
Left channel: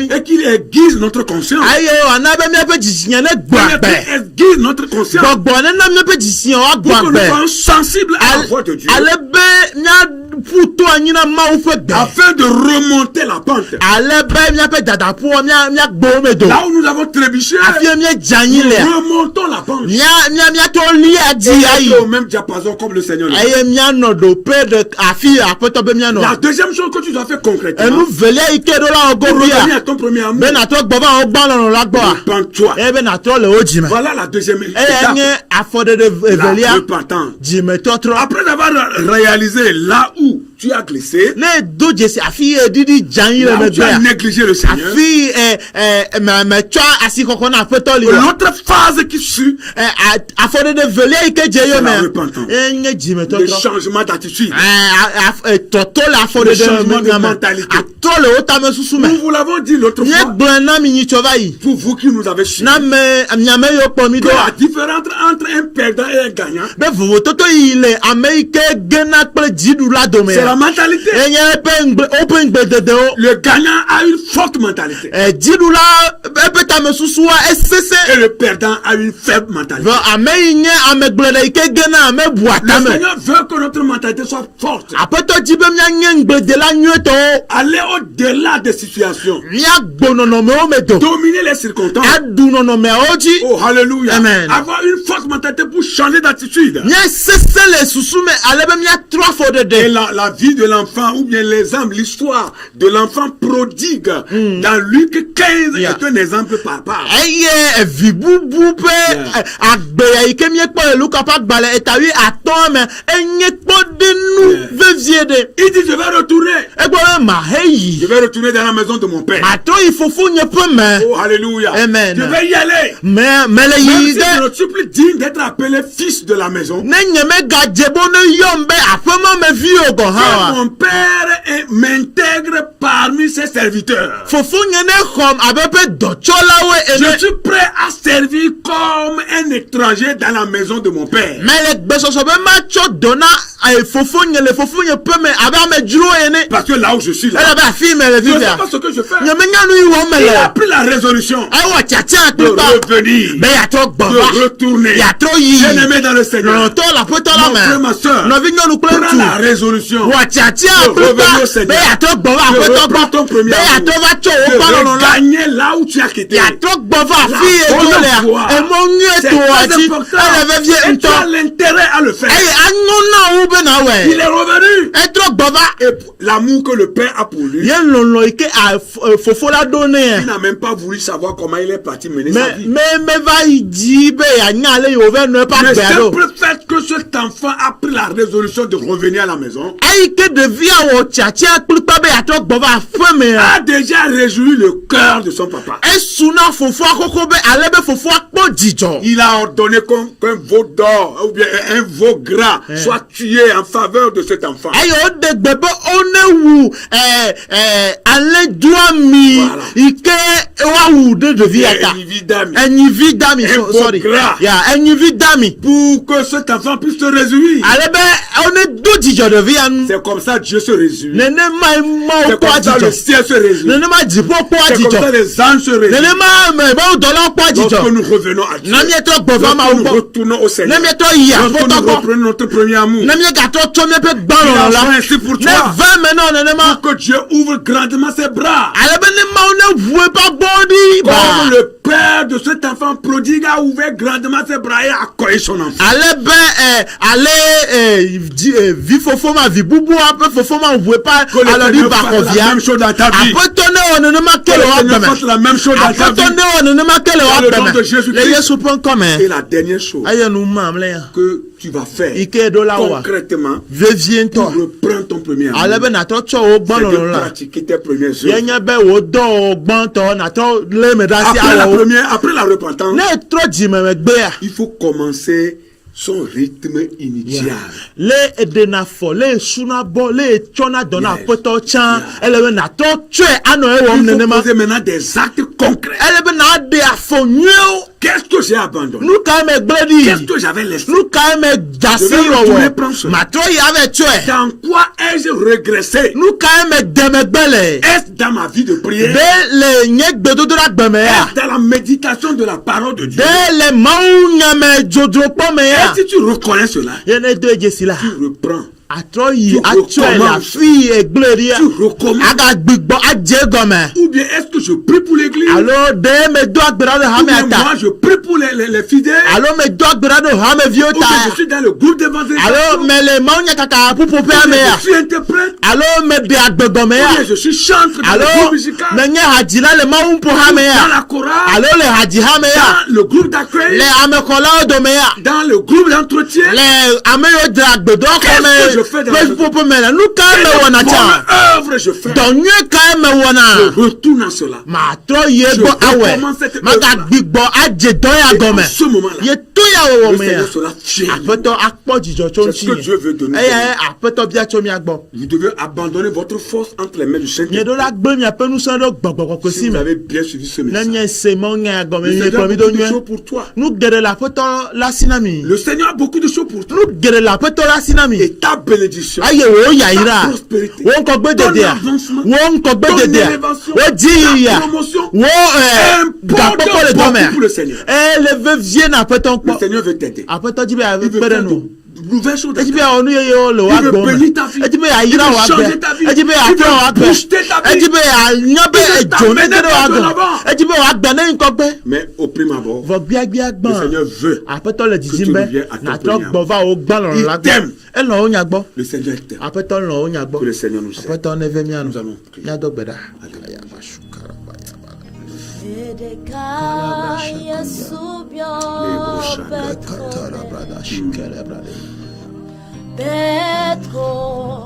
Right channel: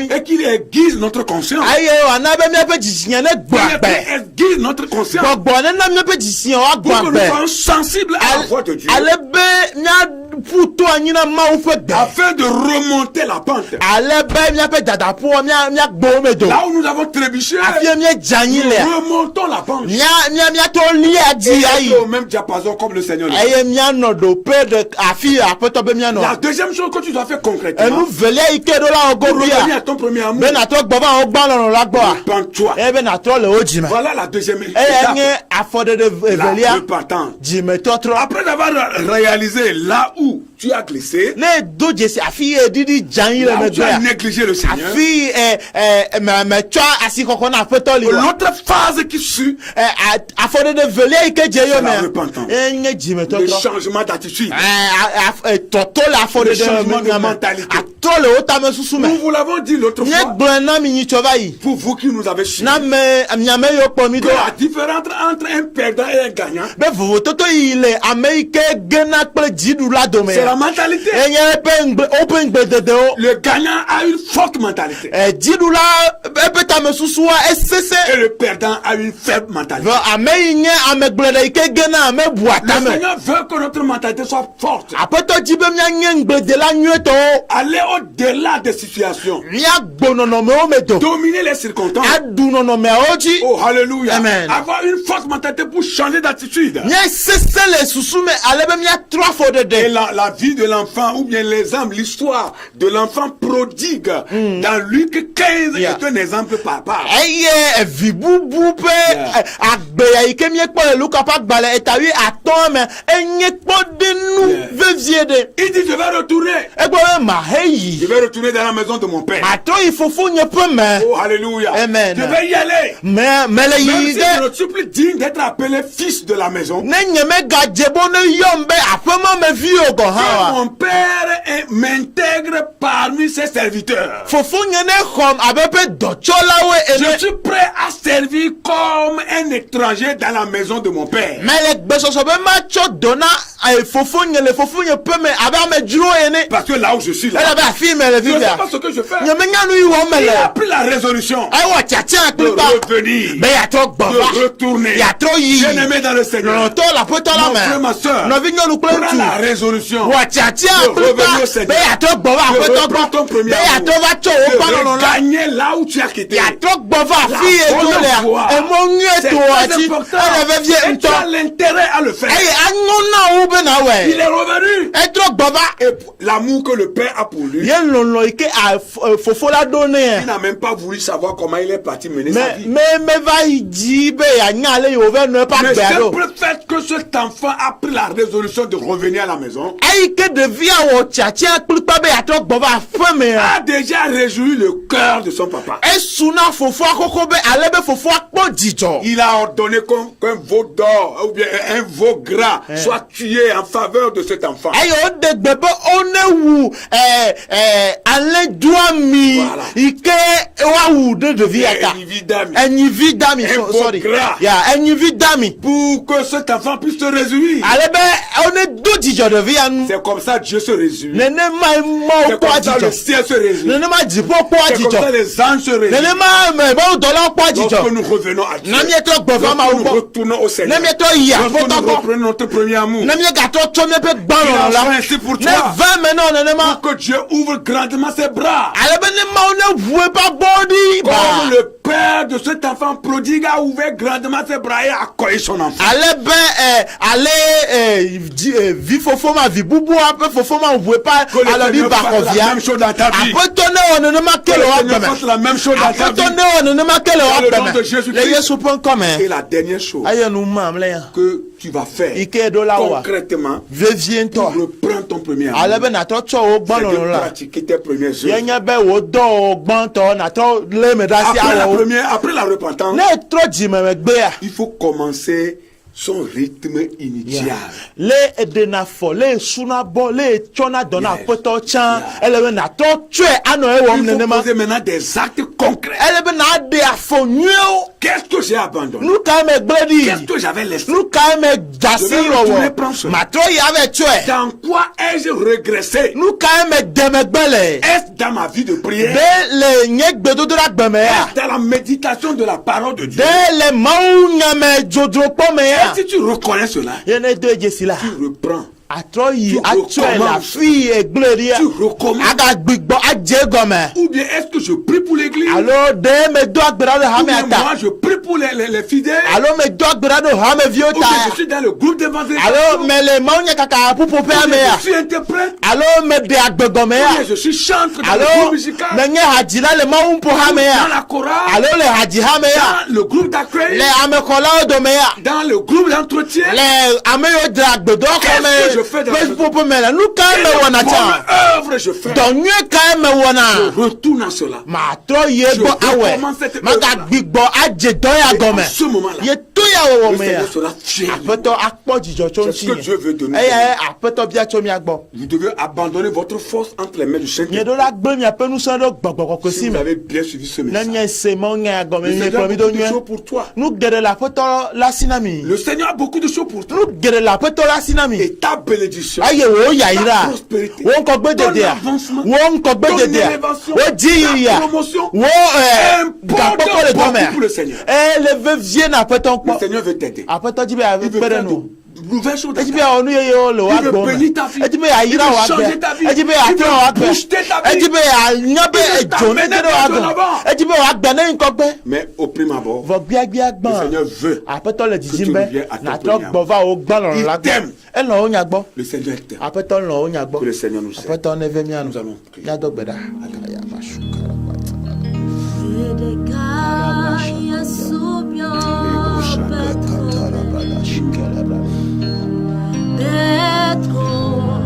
et qu'il aiguise notre conscience. Aiguise notre conscience pour que nous soyons sensibles à la voix de Dieu, afin de remonter la pente. Là où nous avons trébuché, nous remontons la pente. Et au même diapason comme le Seigneur. La deuxième chose que tu dois faire concrètement, pour revenir à ton premier amour, repens-toi. Voilà la deuxième étape, la repentance. Après avoir réalisé là où tu as glissé, là où tu as négligé le Seigneur, l'autre phase qui suit, c'est la repentance, le changement d'attitude, le changement de mentalité. Nous vous l'avons dit l'autre fois, pour vous qui nous avez suivi, que la différence entre un perdant et un gagnant, c'est la mentalité. Le gagnant a une forte mentalité et le perdant a une faible mentalité. Le Seigneur veut que notre mentalité soit forte. Aller au-delà des situations. Dominer les circonstances. Oh, alléluia. Amen. Avoir une forte mentalité pour changer d'attitude. Et la vie de l'enfant, ou bien l'exemple, l'histoire de l'enfant prodigue dans Luc 15 est un exemple par part. Il dit, je vais retourner. Je vais retourner dans la maison de mon père. Oh, alléluia. Amen. Je vais y aller. Même si je ne suis plus digne d'être appelé fils de la maison. Mon père m'intègre parmi ses serviteurs. Je suis prêt à servir comme un étranger dans la maison de mon père. Parce que là où je suis là, je ne sais pas ce que je fais. Il a pris la résolution de revenir, de retourner. Bien-aimé dans le Seigneur, mon frère, ma soeur, prends la résolution de revenir au Seigneur, de reprendre ton premier amour, de gagner là où tu as quitté, la bonne voie, C'est très important. Et tu as l'intérêt à le faire. Il est revenu. Et l'amour que le Père a pour lui, il n'a même pas voulu savoir comment il est parti mener sa vie. Mais simple fait que cet enfant a pris la résolution de revenir à la maison, a déjà réjoui le cœur de son papa. Il a ordonné qu'un veau d'or ou bien un veau gras soit tué en faveur de cet enfant. Pour que cet enfant puisse se réjouir. C'est comme ça Dieu se réjouit. C'est comme ça le ciel se réjouit. C'est comme ça les anges se réjouissent. Lorsque nous revenons à Dieu, lorsque nous retournons au Seigneur, lorsque nous reprenons notre premier amour, il a fait ainsi pour toi, pour que Dieu ouvre grandement ses bras. Comme le père de cet enfant prodigue a ouvert grandement ses bras et a accueilli son enfant. Que le Seigneur fasse la même chose dans ta vie. Que le Seigneur fasse la même chose dans ta vie. Dans le nom de Jésus-Christ. Et la dernière chose que tu vas faire concrètement, tu reprends ton premier amour. C'est de pratiquer tes premières œuvres. Après la repentance, il faut commencer son rythme initial. Il faut poser maintenant des actes concrets. Qu'est-ce que j'ai abandonné? Qu'est-ce que j'avais laissé? Je vais retourner prendre cela. Dans quoi ai-je régressé? Est-ce dans ma vie de prière? Est-ce dans la méditation de la parole de Dieu? Si tu reconnais cela, tu reprends. Tu recommences. Ou bien est-ce que je prie pour l'église? Ou bien moi je prie pour les fidèles? Ou bien je suis dans le groupe d'évangélisation? Ou bien je suis interprète? Ou bien je suis chanteur dans le groupe musical? Dans la chorale? Dans le groupe d'accueil? Dans le groupe d'entretien? Qu'est-ce que je fais dans la œuvre je fais? Je retourne à cela. Je recommence cette œuvre-là. Et en ce moment-là, le Seigneur sera fier. C'est ce que Dieu veut de nous. Vous devez abandonner votre force entre les mains du Saint-Esprit. Si vous avez bien suivi ce message, le Seigneur a beaucoup de choses pour toi. Le Seigneur a beaucoup de choses pour toi. Et ta bénédiction, ta prospérité, ton avancement, ton élévation, ta promotion, importe beaucoup pour le Seigneur. Le Seigneur veut t'aider. Il veut faire de nouvelles choses dans ta vie. Il veut bénir ta vie. Il veut changer ta vie. Il veut booster ta vie. Il veut t'amener de l'avant. Mais au prime abord, le Seigneur veut que tu reviennes à ton premier amour. Il t'aime. Le Seigneur t'aime. Que le Seigneur nous aide. Nous allons prier. Petro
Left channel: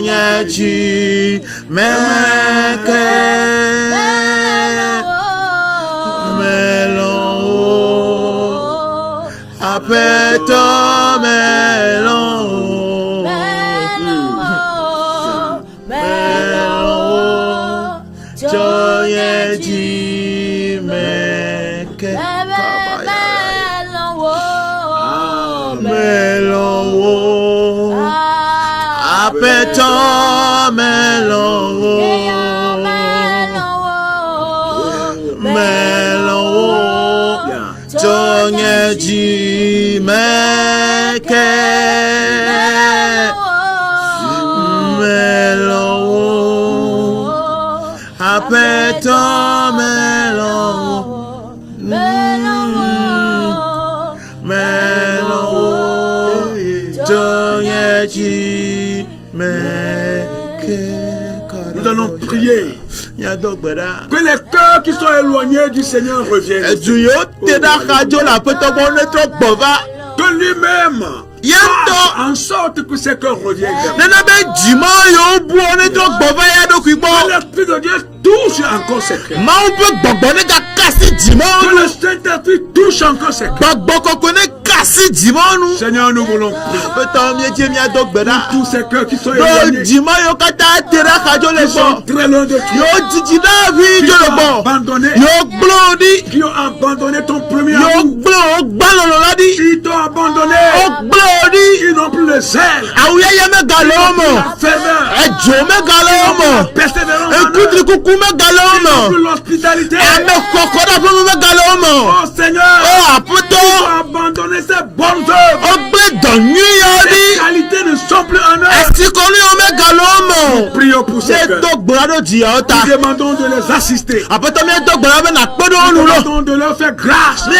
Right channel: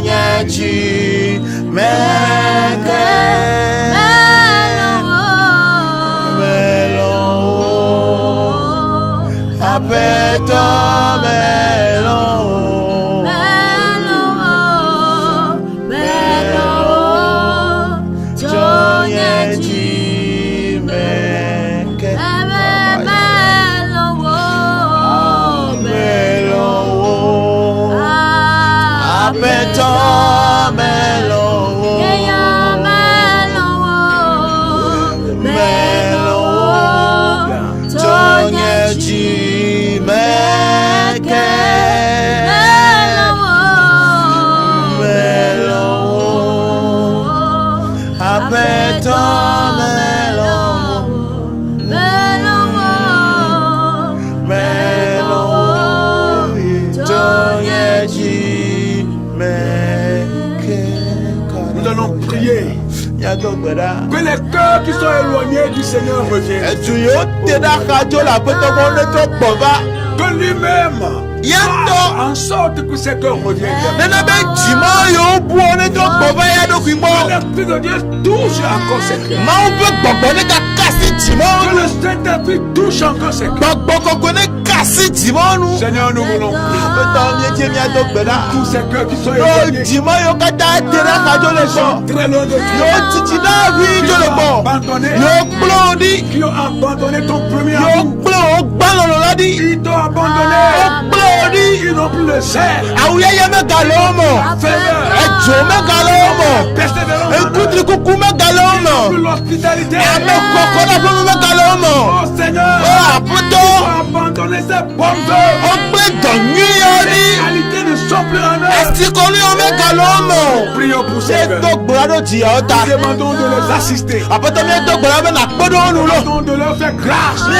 Tonyeji Meke Melon Apeto Melon Tonyeji Meke Apeto Tonyeji Meke Apeto Tonyeji Meke. Nous allons prier que les cœurs qui sont éloignés du Seigneur reviennent. Que lui-même en sorte que ces cœurs reviennent. Que l'Esprit de Dieu touche encore ces cœurs. Que le Saint-Esprit touche encore ces cœurs. Seigneur, nous voulons prier pour tous ces cœurs qui sont éloignés, qui sont très loin de toi, qui ont abandonné ton premier amour. Ils t'ont abandonné. Ils n'ont plus le zèle, la ferveur, persévérance, ils n'ont plus l'hospitalité. Oh Seigneur, ils ont abandonné ces bonnes œuvres. Ces qualités ne sont plus en eux. Nous prions pour ces cœurs. Nous demandons de les assister. Nous demandons de leur faire grâce. De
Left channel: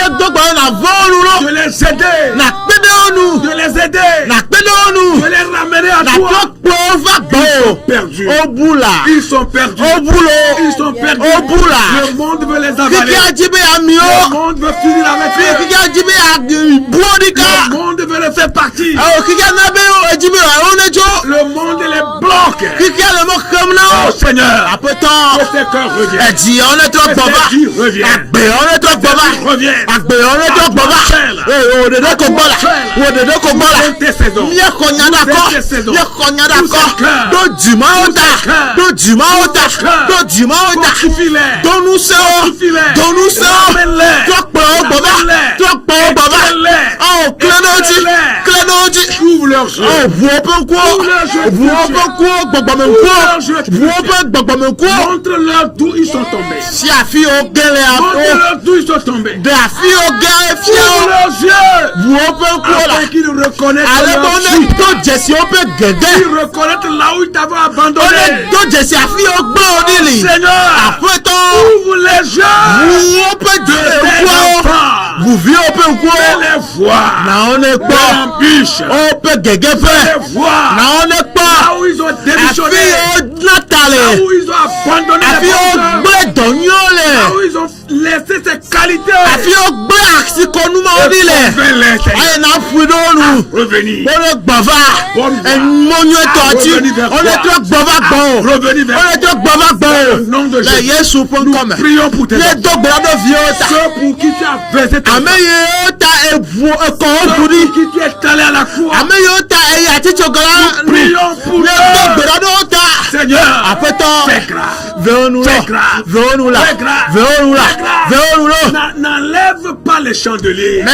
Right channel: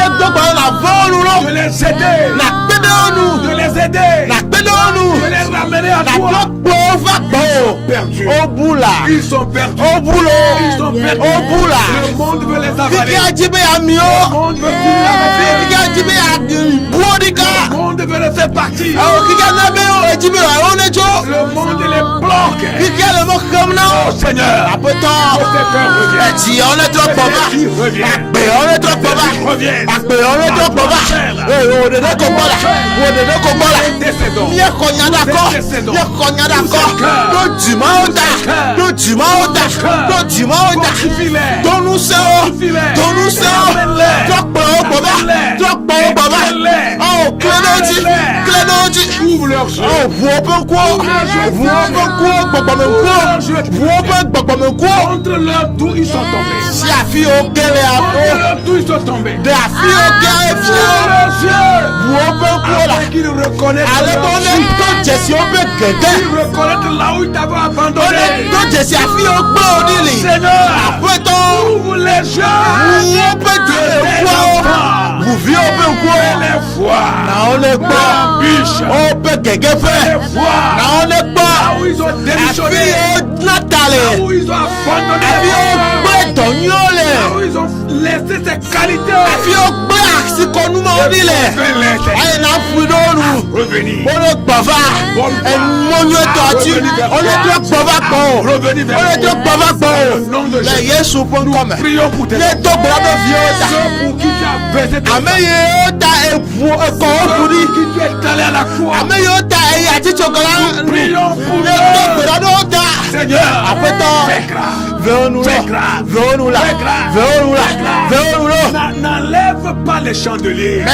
les aider. De les aider. De les ramener à toi. Ils sont perdus. Ils sont perdus. Le monde veut les avaler. Le monde veut finir avec eux. Le monde veut les faire partir. Le monde les bloque. Oh Seigneur, que ces cœurs reviennent. Ouvre leurs yeux. Montre-leur d'où ils sont tombés. Montre-leur d'où ils sont tombés. Ouvre leurs yeux. Afin qu'ils reconnaissent leur vie. Qu'ils reconnaissent là où ils t'avaient abandonné. Seigneur, ouvre les yeux de tes enfants. Vous vivez au peu quoi? Les voix. On est pas. Biche. On peut gagner. Les voix. On est pas. Là où ils ont démissionné. Là où ils ont abandonné. Là où ils ont laissé ces qualités. Revenir. Nous prions pour tes enfants. Ceux pour qui tu as baisé ta femme. Ceux pour qui tu es allé à la croix. Nous prions pour eux. Seigneur, fais grâce. N'enlève pas les chandeliers. Non,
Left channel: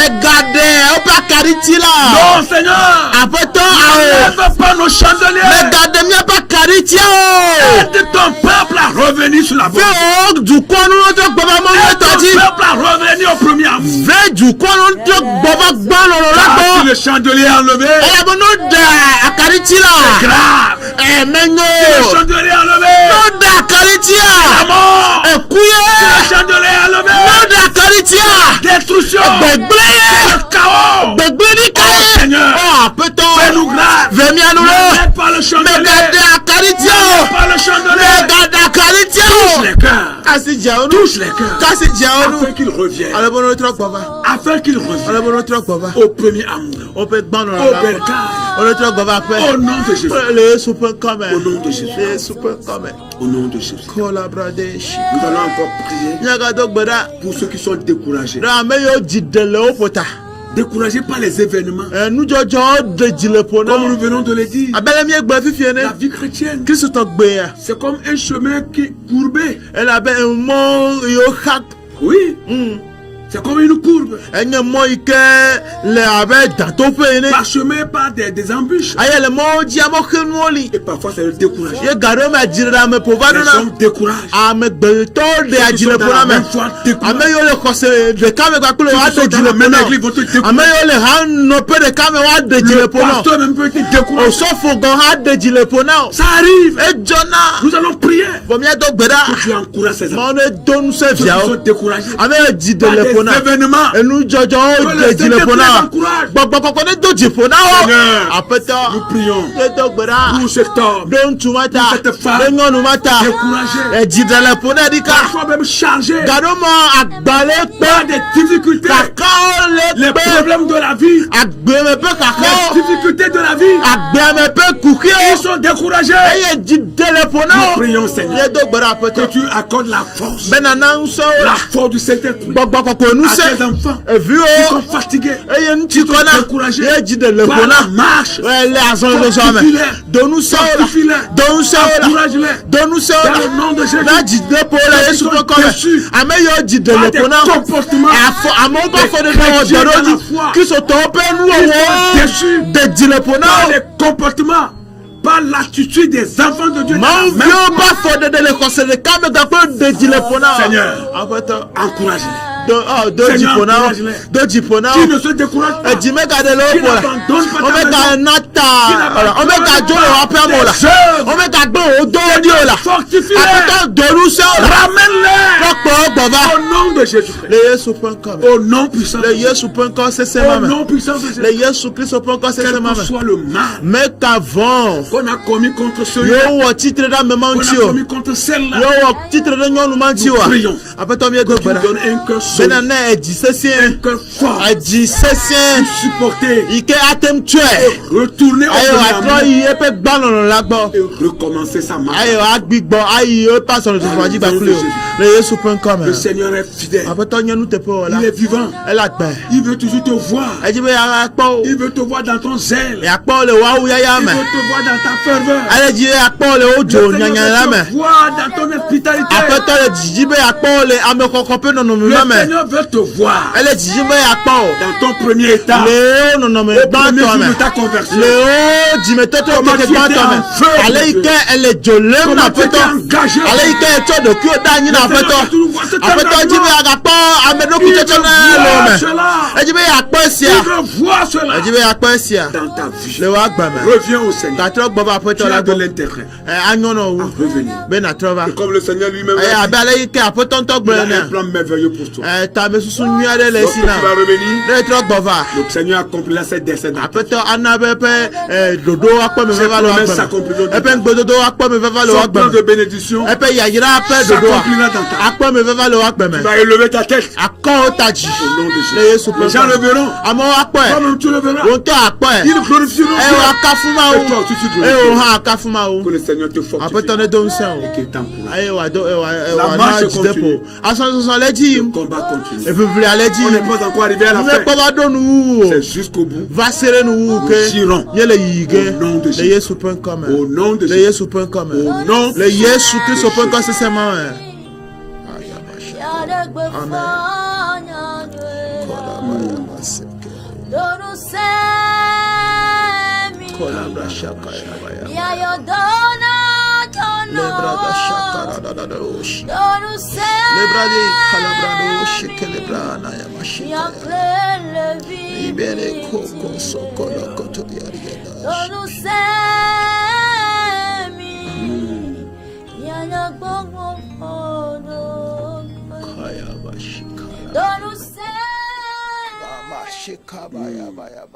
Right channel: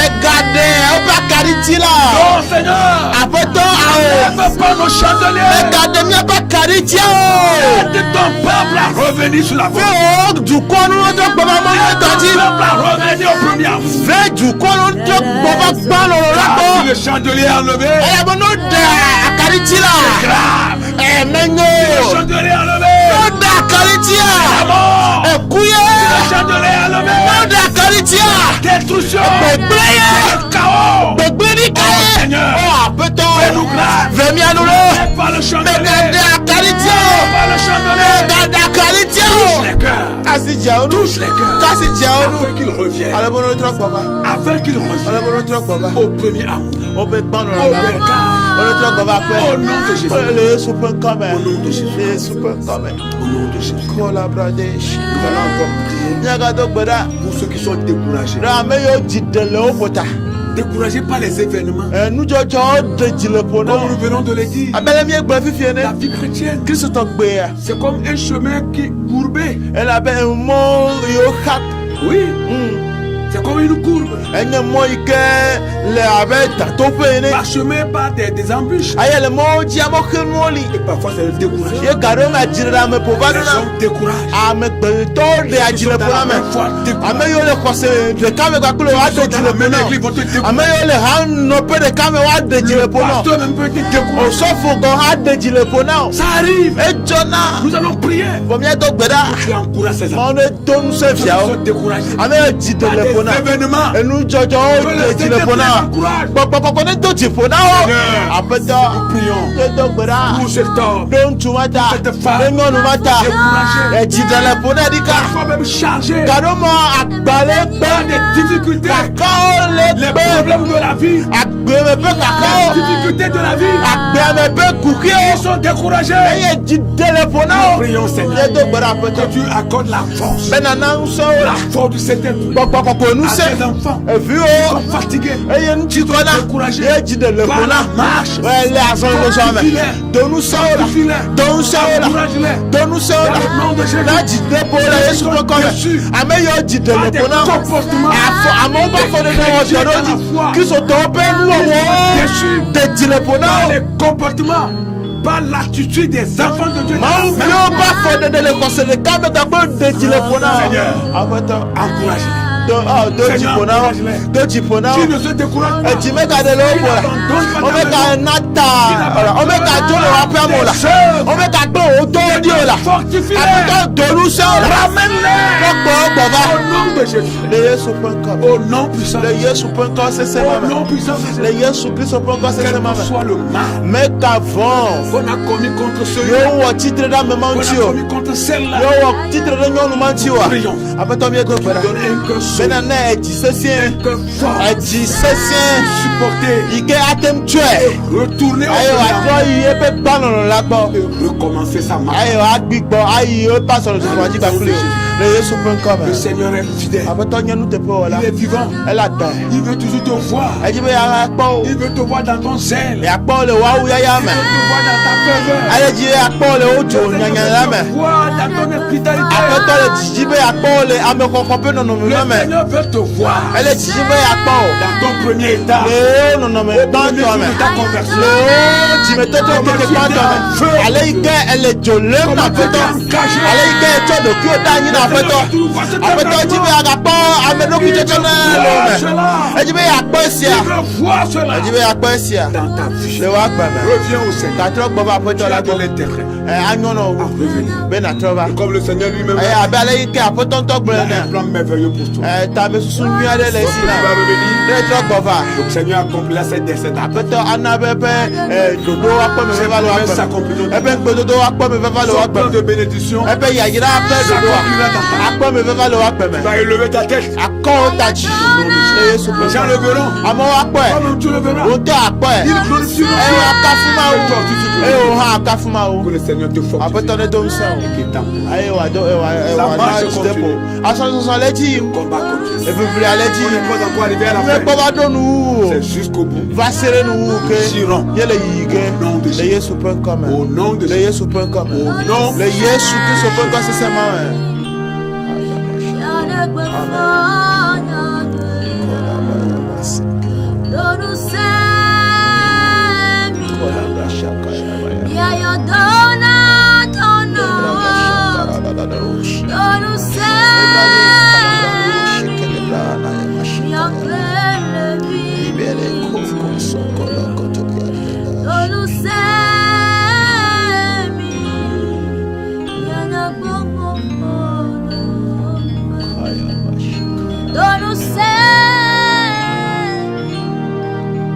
Seigneur. N'enlève pas nos chandeliers. Aide ton peuple à revenir sur la voie. Aide ton peuple à revenir au premier amour. Le chandelier enlevé. C'est grave. Le chandelier enlevé. Le chandelier enlevé. Destruction. Le chaos. Oh Seigneur, fais-nous grâce. N'arrête pas le chandelier. N'arrête pas le chandelier. Touche les cœurs. Afin qu'ils reviennent. Afin qu'ils reviennent au premier amour. Au bercail. Au nom de Jésus. Au nom de Jésus. Au nom de Jésus. Nous allons encore prier pour ceux qui sont découragés. Découragés par les événements. Comme nous venons de le dire, la vie chrétienne, c'est comme un chemin qui est courbé. Oui. C'est comme une courbe. Parsemé par des embûches. Et parfois c'est le découragement. Les gens découragent. Ça arrive. Nous allons prier. Tu encourages ces enfants. Ceux qui sont découragés. Événements. Et nous prions. Pour cet homme, pour cette femme découragée, parfois même chargée par des difficultés, les problèmes de la vie, les difficultés de la vie, ils sont découragés. Nous prions, Seigneur, que tu accordes la force du Saint-Esprit à tes enfants qui sont fatigués, qui sont découragés par la marche. Fortifie-les, encourage-les dans le nom de Jésus. Ils sont déçus par des comportements qui sont déçus par les comportements, par l'attitude des enfants de Dieu. Seigneur, encourage-les. Qui ne se décourage pas, qui n'abandonne pas, fortifie-les, ramène-les au nom de Jésus, au nom puissant de Jésus, au nom puissant de Jésus. Quel que soit le mal qu'on a commis contre celui-là, qu'on a commis contre celle-là, nous prions que tu donnes un cœur solide, un cœur fort, supporter, retourner au et recommencer sa marche. Le Seigneur est fidèle, il est vivant, il veut toujours te voir, il veut te voir dans ton zèle, il veut te voir dans ta ferveur, il veut te voir dans ton hospitalité. Le Seigneur veut te voir dans ton premier état, au premier jour de ta conversion. Comment tu étais en feu, comment tu étais engagé. Il veut voir cela dans ta vie. Reviens au Seigneur. Tu as de l'intérêt à revenir. Et comme le Seigneur lui-même a un plan merveilleux pour toi. Donc tu vas revenir. Le Seigneur accomplira ses desseins. Ses s'accompliront. Son plan de bénédiction s'accomplira dans ta vie. Tu vas élever ta tête au nom de Jésus. Les gens le verront. Comme tu le verras, ils le glorifieront. Et toi aussi tu glorifieras. Que le Seigneur te fortifie et qu'il t'encourage. La marche continue. Le combat continue. On n'est pas encore arrivé à la fin. C'est jusqu'au bout. Nous irons au nom de Jésus. Au nom de Jésus. Au nom de Jésus. Libérez